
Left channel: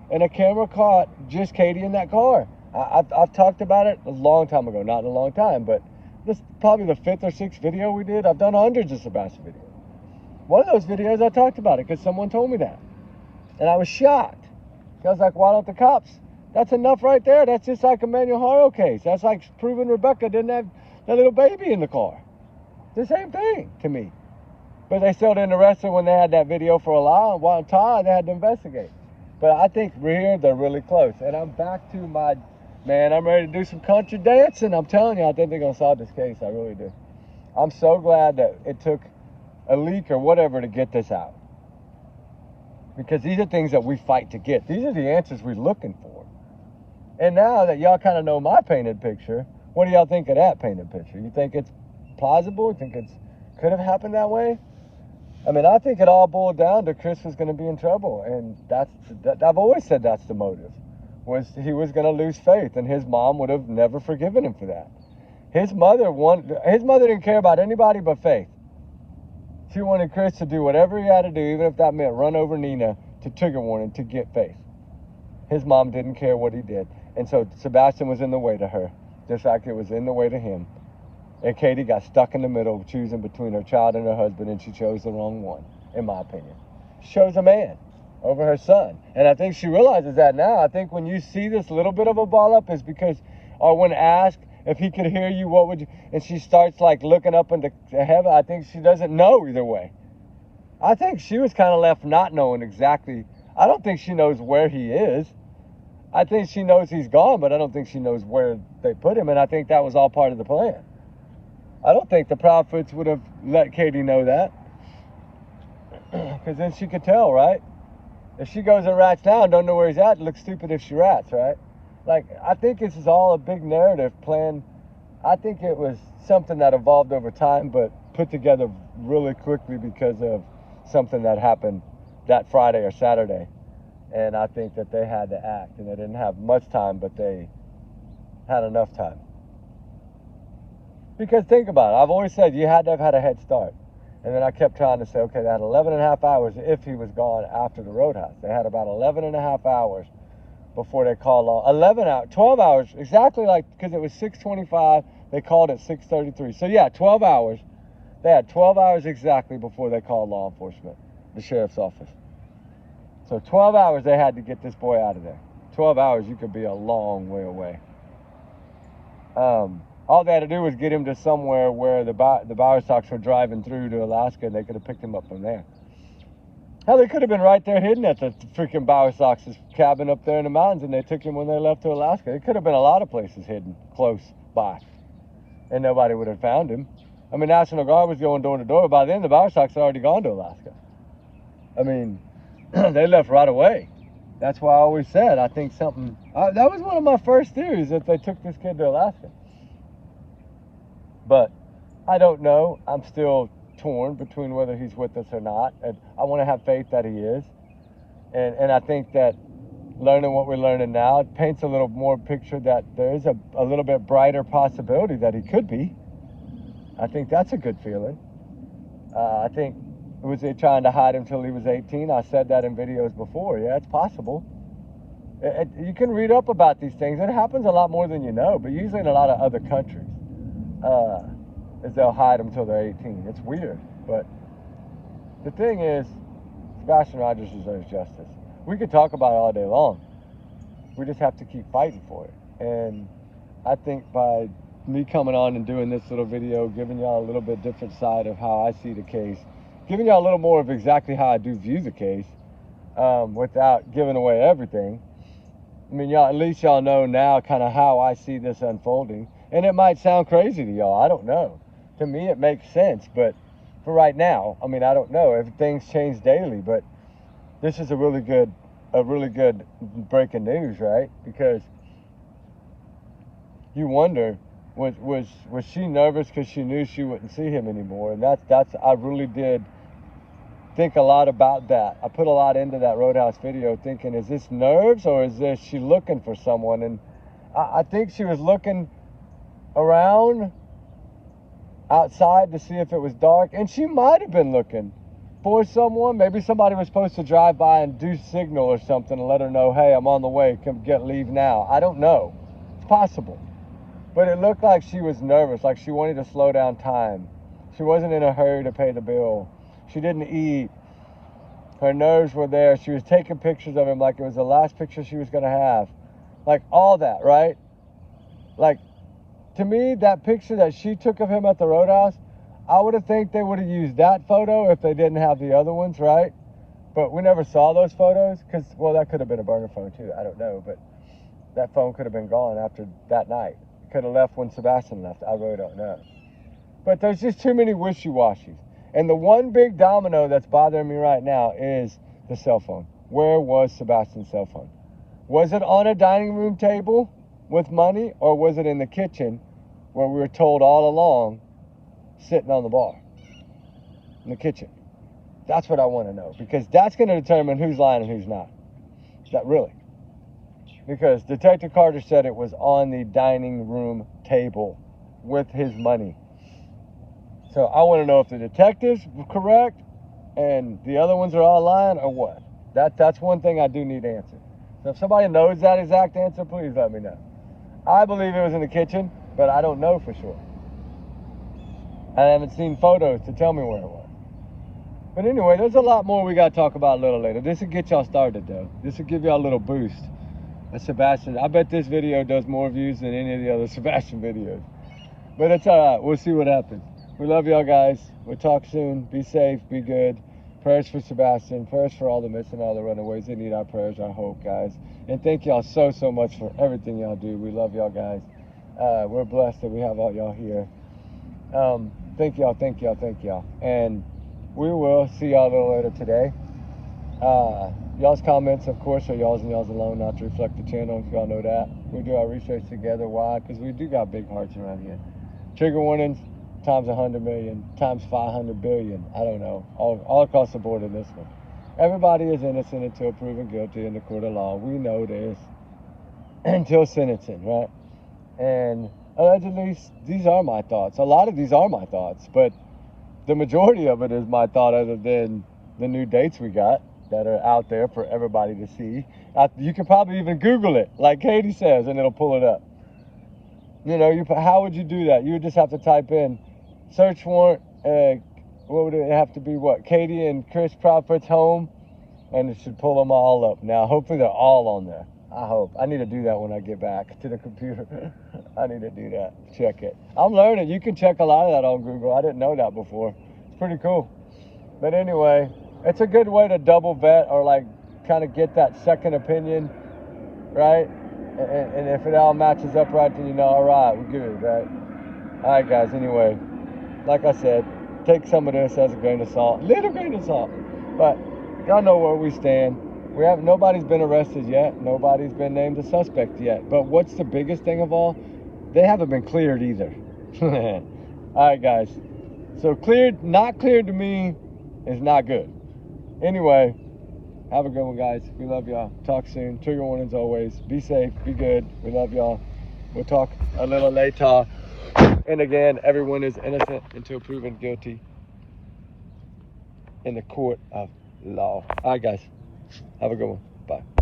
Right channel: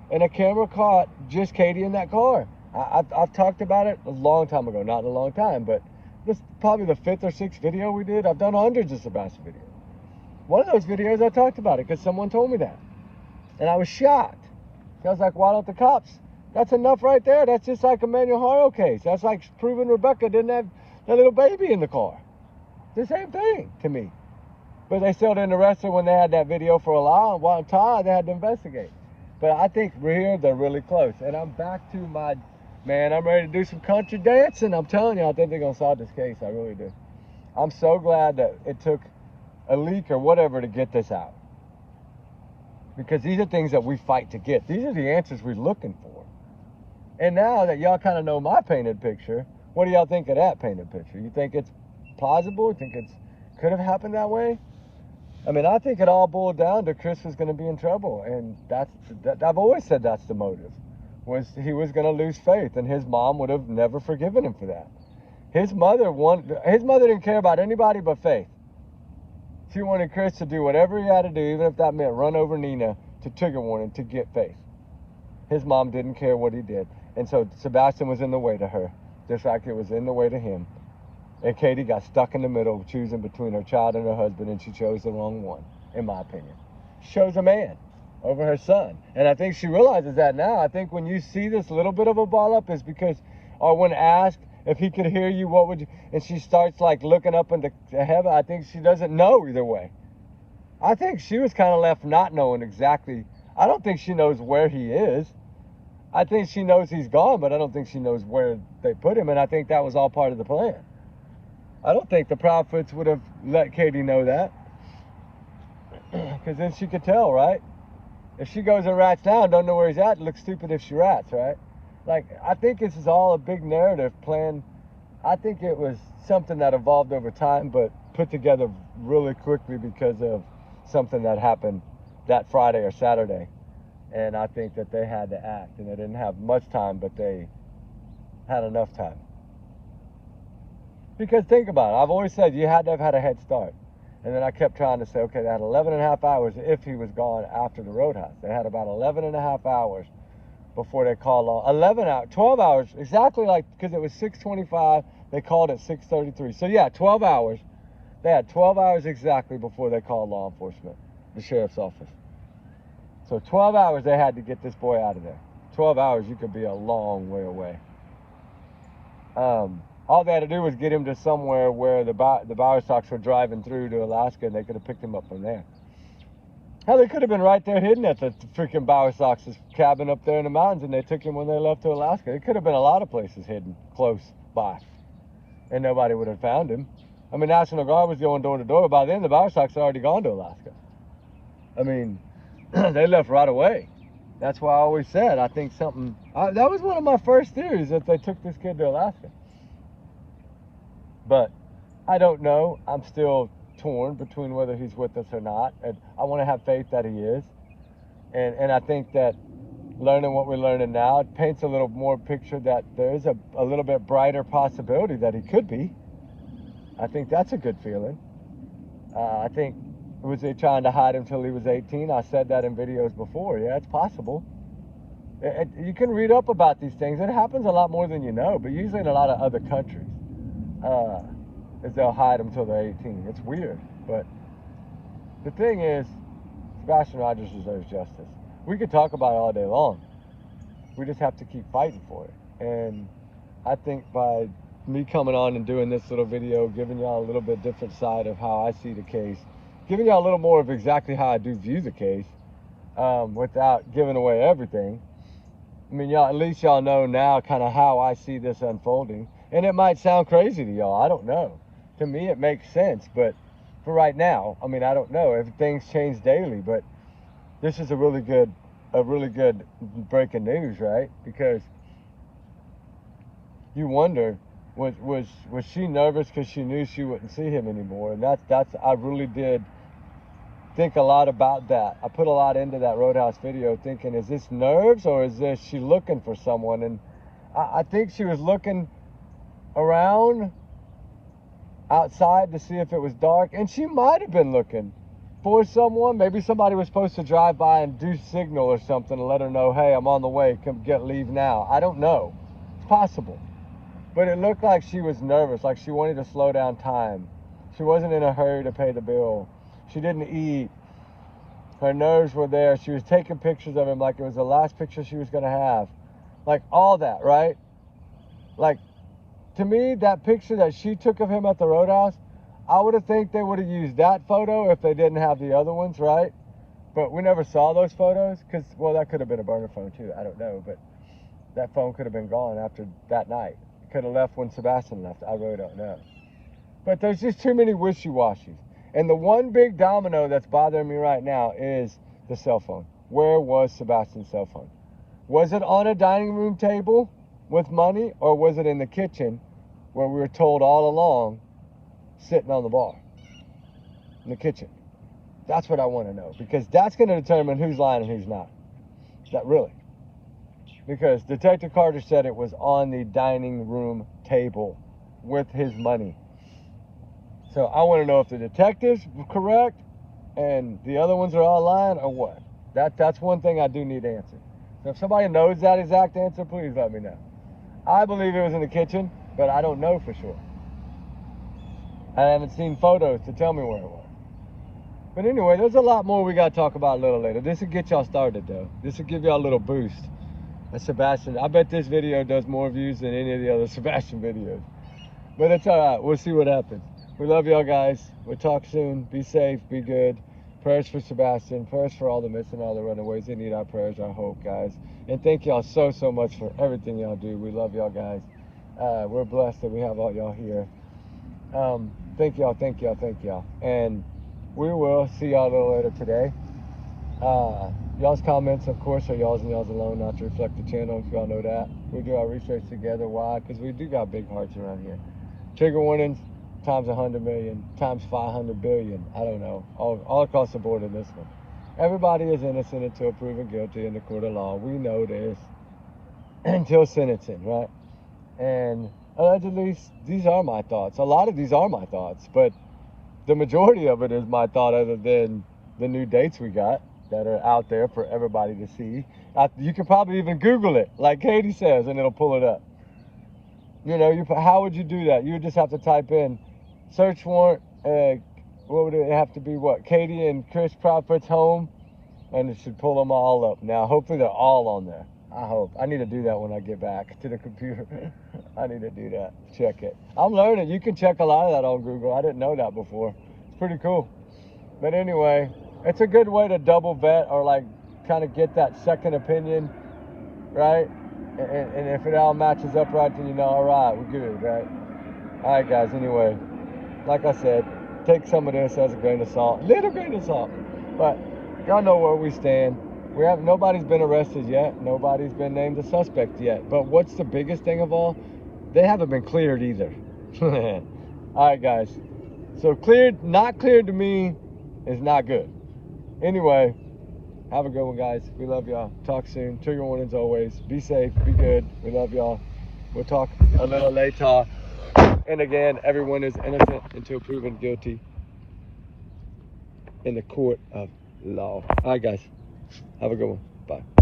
And a camera caught just Katie in that car. I've talked about it a long time ago. Not in a long time, but this is probably the 5th or 6th video we did. I've done hundreds of Sebastian videos. One of those videos I talked about it because someone told me that. And I was shocked. I was like, why don't the cops? That's enough right there. That's just like a Manuel Haro case. That's like proving Rebecca didn't have that little baby in the car. The same thing to me. But they still didn't arrest her when they had that video for a long time. They had to investigate. But I think we're here, they're really close. And I'm back to my, man, I'm ready to do some country dancing. I'm telling you, I think they're going to solve this case. I really do. I'm so glad that it took a leak or whatever to get this out. Because these are things that we fight to get. These are the answers we're looking for. And now that y'all kind of know my painted picture, what do y'all think of that painted picture? You think it's plausible? You think it could have happened that way? I mean, I think it all boiled down to Chris was going to be in trouble. And I've always said that's the motive. Was he was going to lose faith. And his mom would have never forgiven him for that. His mother didn't care about anybody but Faith. She wanted Chris to do whatever he had to do, even if that meant run over Nina to trigger warning to get Faith. his mom didn't care what he did. And so Sebastian was in the way to her. In fact, it was in the way to him. And Katie got stuck in the middle, choosing between her child and her husband, and she chose the wrong one, in my opinion. She chose a man over her son. And I think she realizes that now. I think when you see this little bit of a ball up, is because, or when asked if he could hear you, what would you, and she starts like looking up into heaven, I think she doesn't know either way. I think she was kind of left not knowing exactly. I don't think she knows where he is. I think she knows he's gone, but I don't think she knows where they put him, and I think that was all part of the plan. I don't think the Proudfoots would have let Katie know that, because then she could tell, right? If she goes and rats down and don't know where he's at, it looks stupid if she rats, right? Like, I think this is all a big narrative plan. I think it was something that evolved over time, but put together really quickly because of something that happened that Friday or Saturday. And I think that they had to act, and they didn't have much time, but they had enough time. Because think about it, I've always said you had to have had a head start. And then I kept trying to say, okay, they had 11 and a half hours if he was gone after the roadhouse. They had about 11 and a half hours before they called on 11 hours, 12 hours, exactly, like, because it was 6:25, they called at 6:33. So yeah, 12 hours. They had 12 hours exactly before they called law enforcement, the sheriff's office. So 12 hours they had to get this boy out of there. 12 hours, you could be a long way away. All they had to do was get him to somewhere where the Bowerstocks were driving through to Alaska, and they could have picked him up from there. Hell, they could have been right there hidden at the freaking Bowerstocks' cabin up there in the mountains, and they took him when they left to Alaska. It could have been a lot of places hidden close by, and nobody would have found him. I mean, National Guard was going door to door. By then, the Bowerstocks had already gone to Alaska. I mean, they left right away. That's why I always said, I think something, that was one of my first theories, that they took this kid to Alaska. But I don't know. I'm still torn between whether he's with us or not. And I want to have faith that he is. And I think that learning what we're learning now, it paints a little more picture that there is a little bit brighter possibility that he could be. I think that's a good feeling. I think, was they trying to hide him till he was 18? I said that in videos before. Yeah, it's possible. You can read up about these things. It happens a lot more than you know, but usually in a lot of other countries. Is they'll hide them till they're 18. It's weird, but the thing is, Sebastian Rogers deserves justice. We could talk about it all day long. We just have to keep fighting for it. And I think by me coming on and doing this little video, giving y'all a little bit different side of how I see the case, giving y'all a little more of exactly how I do view the case, without giving away everything. I mean, y'all, at least y'all know now kind of how I see this unfolding. And it might sound crazy to y'all, I don't know. To me, it makes sense, but for right now, I mean, I don't know if things change daily, but this is a really good breaking news, right? Because you wonder, was she nervous because she knew she wouldn't see him anymore? And that's I really did think a lot about that. I put a lot into that Roadhouse video thinking, is this nerves or is this she looking for someone? And I think she was looking around outside to see if it was dark, and she might have been looking for someone. Maybe somebody was supposed to drive by and do signal or something and let her know, hey, I'm on the way, come leave now. I don't know. It's possible. But it looked like she was nervous, like she wanted to slow down time. She wasn't in a hurry to pay the bill. She didn't eat. Her nerves were there. She was taking pictures of him like it was the last picture she was going to have. Like all that, right? Like, to me, that picture that she took of him at the Roadhouse, I would have think they would have used that photo if they didn't have the other ones, right? But we never saw those photos because, well, that could have been a burner phone too. I don't know, but that phone could have been gone after that night. Could have left when Sebastian left. I really don't know. But there's just too many wishy-washies. And the one big domino that's bothering me right now is the cell phone. Where was Sebastian's cell phone? Was it on a dining room table with money, or was it in the kitchen where we were told all along, sitting on the bar in the kitchen? That's what I want to know, because that's going to determine who's lying and who's not. That really. Because Detective Carter said it was on the dining room table with his money. So I want to know if the detectives were correct and the other ones are all lying or what. That's one thing I do need answered. So if somebody knows that exact answer, please let me know. I believe it was in the kitchen, but I don't know for sure. I haven't seen photos to tell me where it was. But anyway, there's a lot more we got to talk about a little later. This will get y'all started, though. This will give y'all a little boost. That's Sebastian. I bet this video does more views than any of the other Sebastian videos. But it's all right. We'll see what happens. We love y'all, guys. We'll talk soon. Be safe. Be good. Prayers for Sebastian. Prayers for all the missing, all the runaways. They need our prayers, our hope, guys. And thank y'all so much for everything y'all do. We love y'all, guys. We're blessed that we have all y'all here. Thank y'all. And we will see y'all a little later today. Y'all's comments, of course, are y'all's and y'all's alone, not to reflect the channel. Y'all know that. We do our research together. Why? Because we do got big hearts around here. Trigger warnings times 100 million, times 500 billion. I don't know. All across the board in this one. Everybody is innocent until proven guilty in the court of law. We know this. Until sentencing, right? And allegedly, these are my thoughts. A lot of these are my thoughts, but the majority of it is my thought, other than the new dates we got that are out there for everybody to see. You can probably even Google it, like Katie says, and it'll pull it up. You know, how would you do that? You would just have to type in search warrant, what would it have to be, what? Katie and Chris Proudfoot's home, and it should pull them all up. Now, hopefully they're all on there. I hope. I need to do that when I get back to the computer. I need to do that. Check it. I'm learning. You can check a lot of that on Google. I didn't know that before. It's pretty cool. But anyway, it's a good way to double vet, or like kind of get that second opinion, right? And if it all matches up right, then you know, all right, we're good, right? All right, guys. Anyway, like I said, take some of this as a grain of salt, little grain of salt. But y'all know where we stand. Nobody's been arrested yet. Nobody's been named a suspect yet. But what's the biggest thing of all? They haven't been cleared either. All right, guys. So cleared, not cleared to me is not good. Anyway, have a good one, guys. We love y'all. Talk soon. Trigger warnings always. Be safe. Be good. We love y'all. We'll talk a little later. And again, everyone is innocent until proven guilty in the court of law. All right, guys. Have a good one. Bye.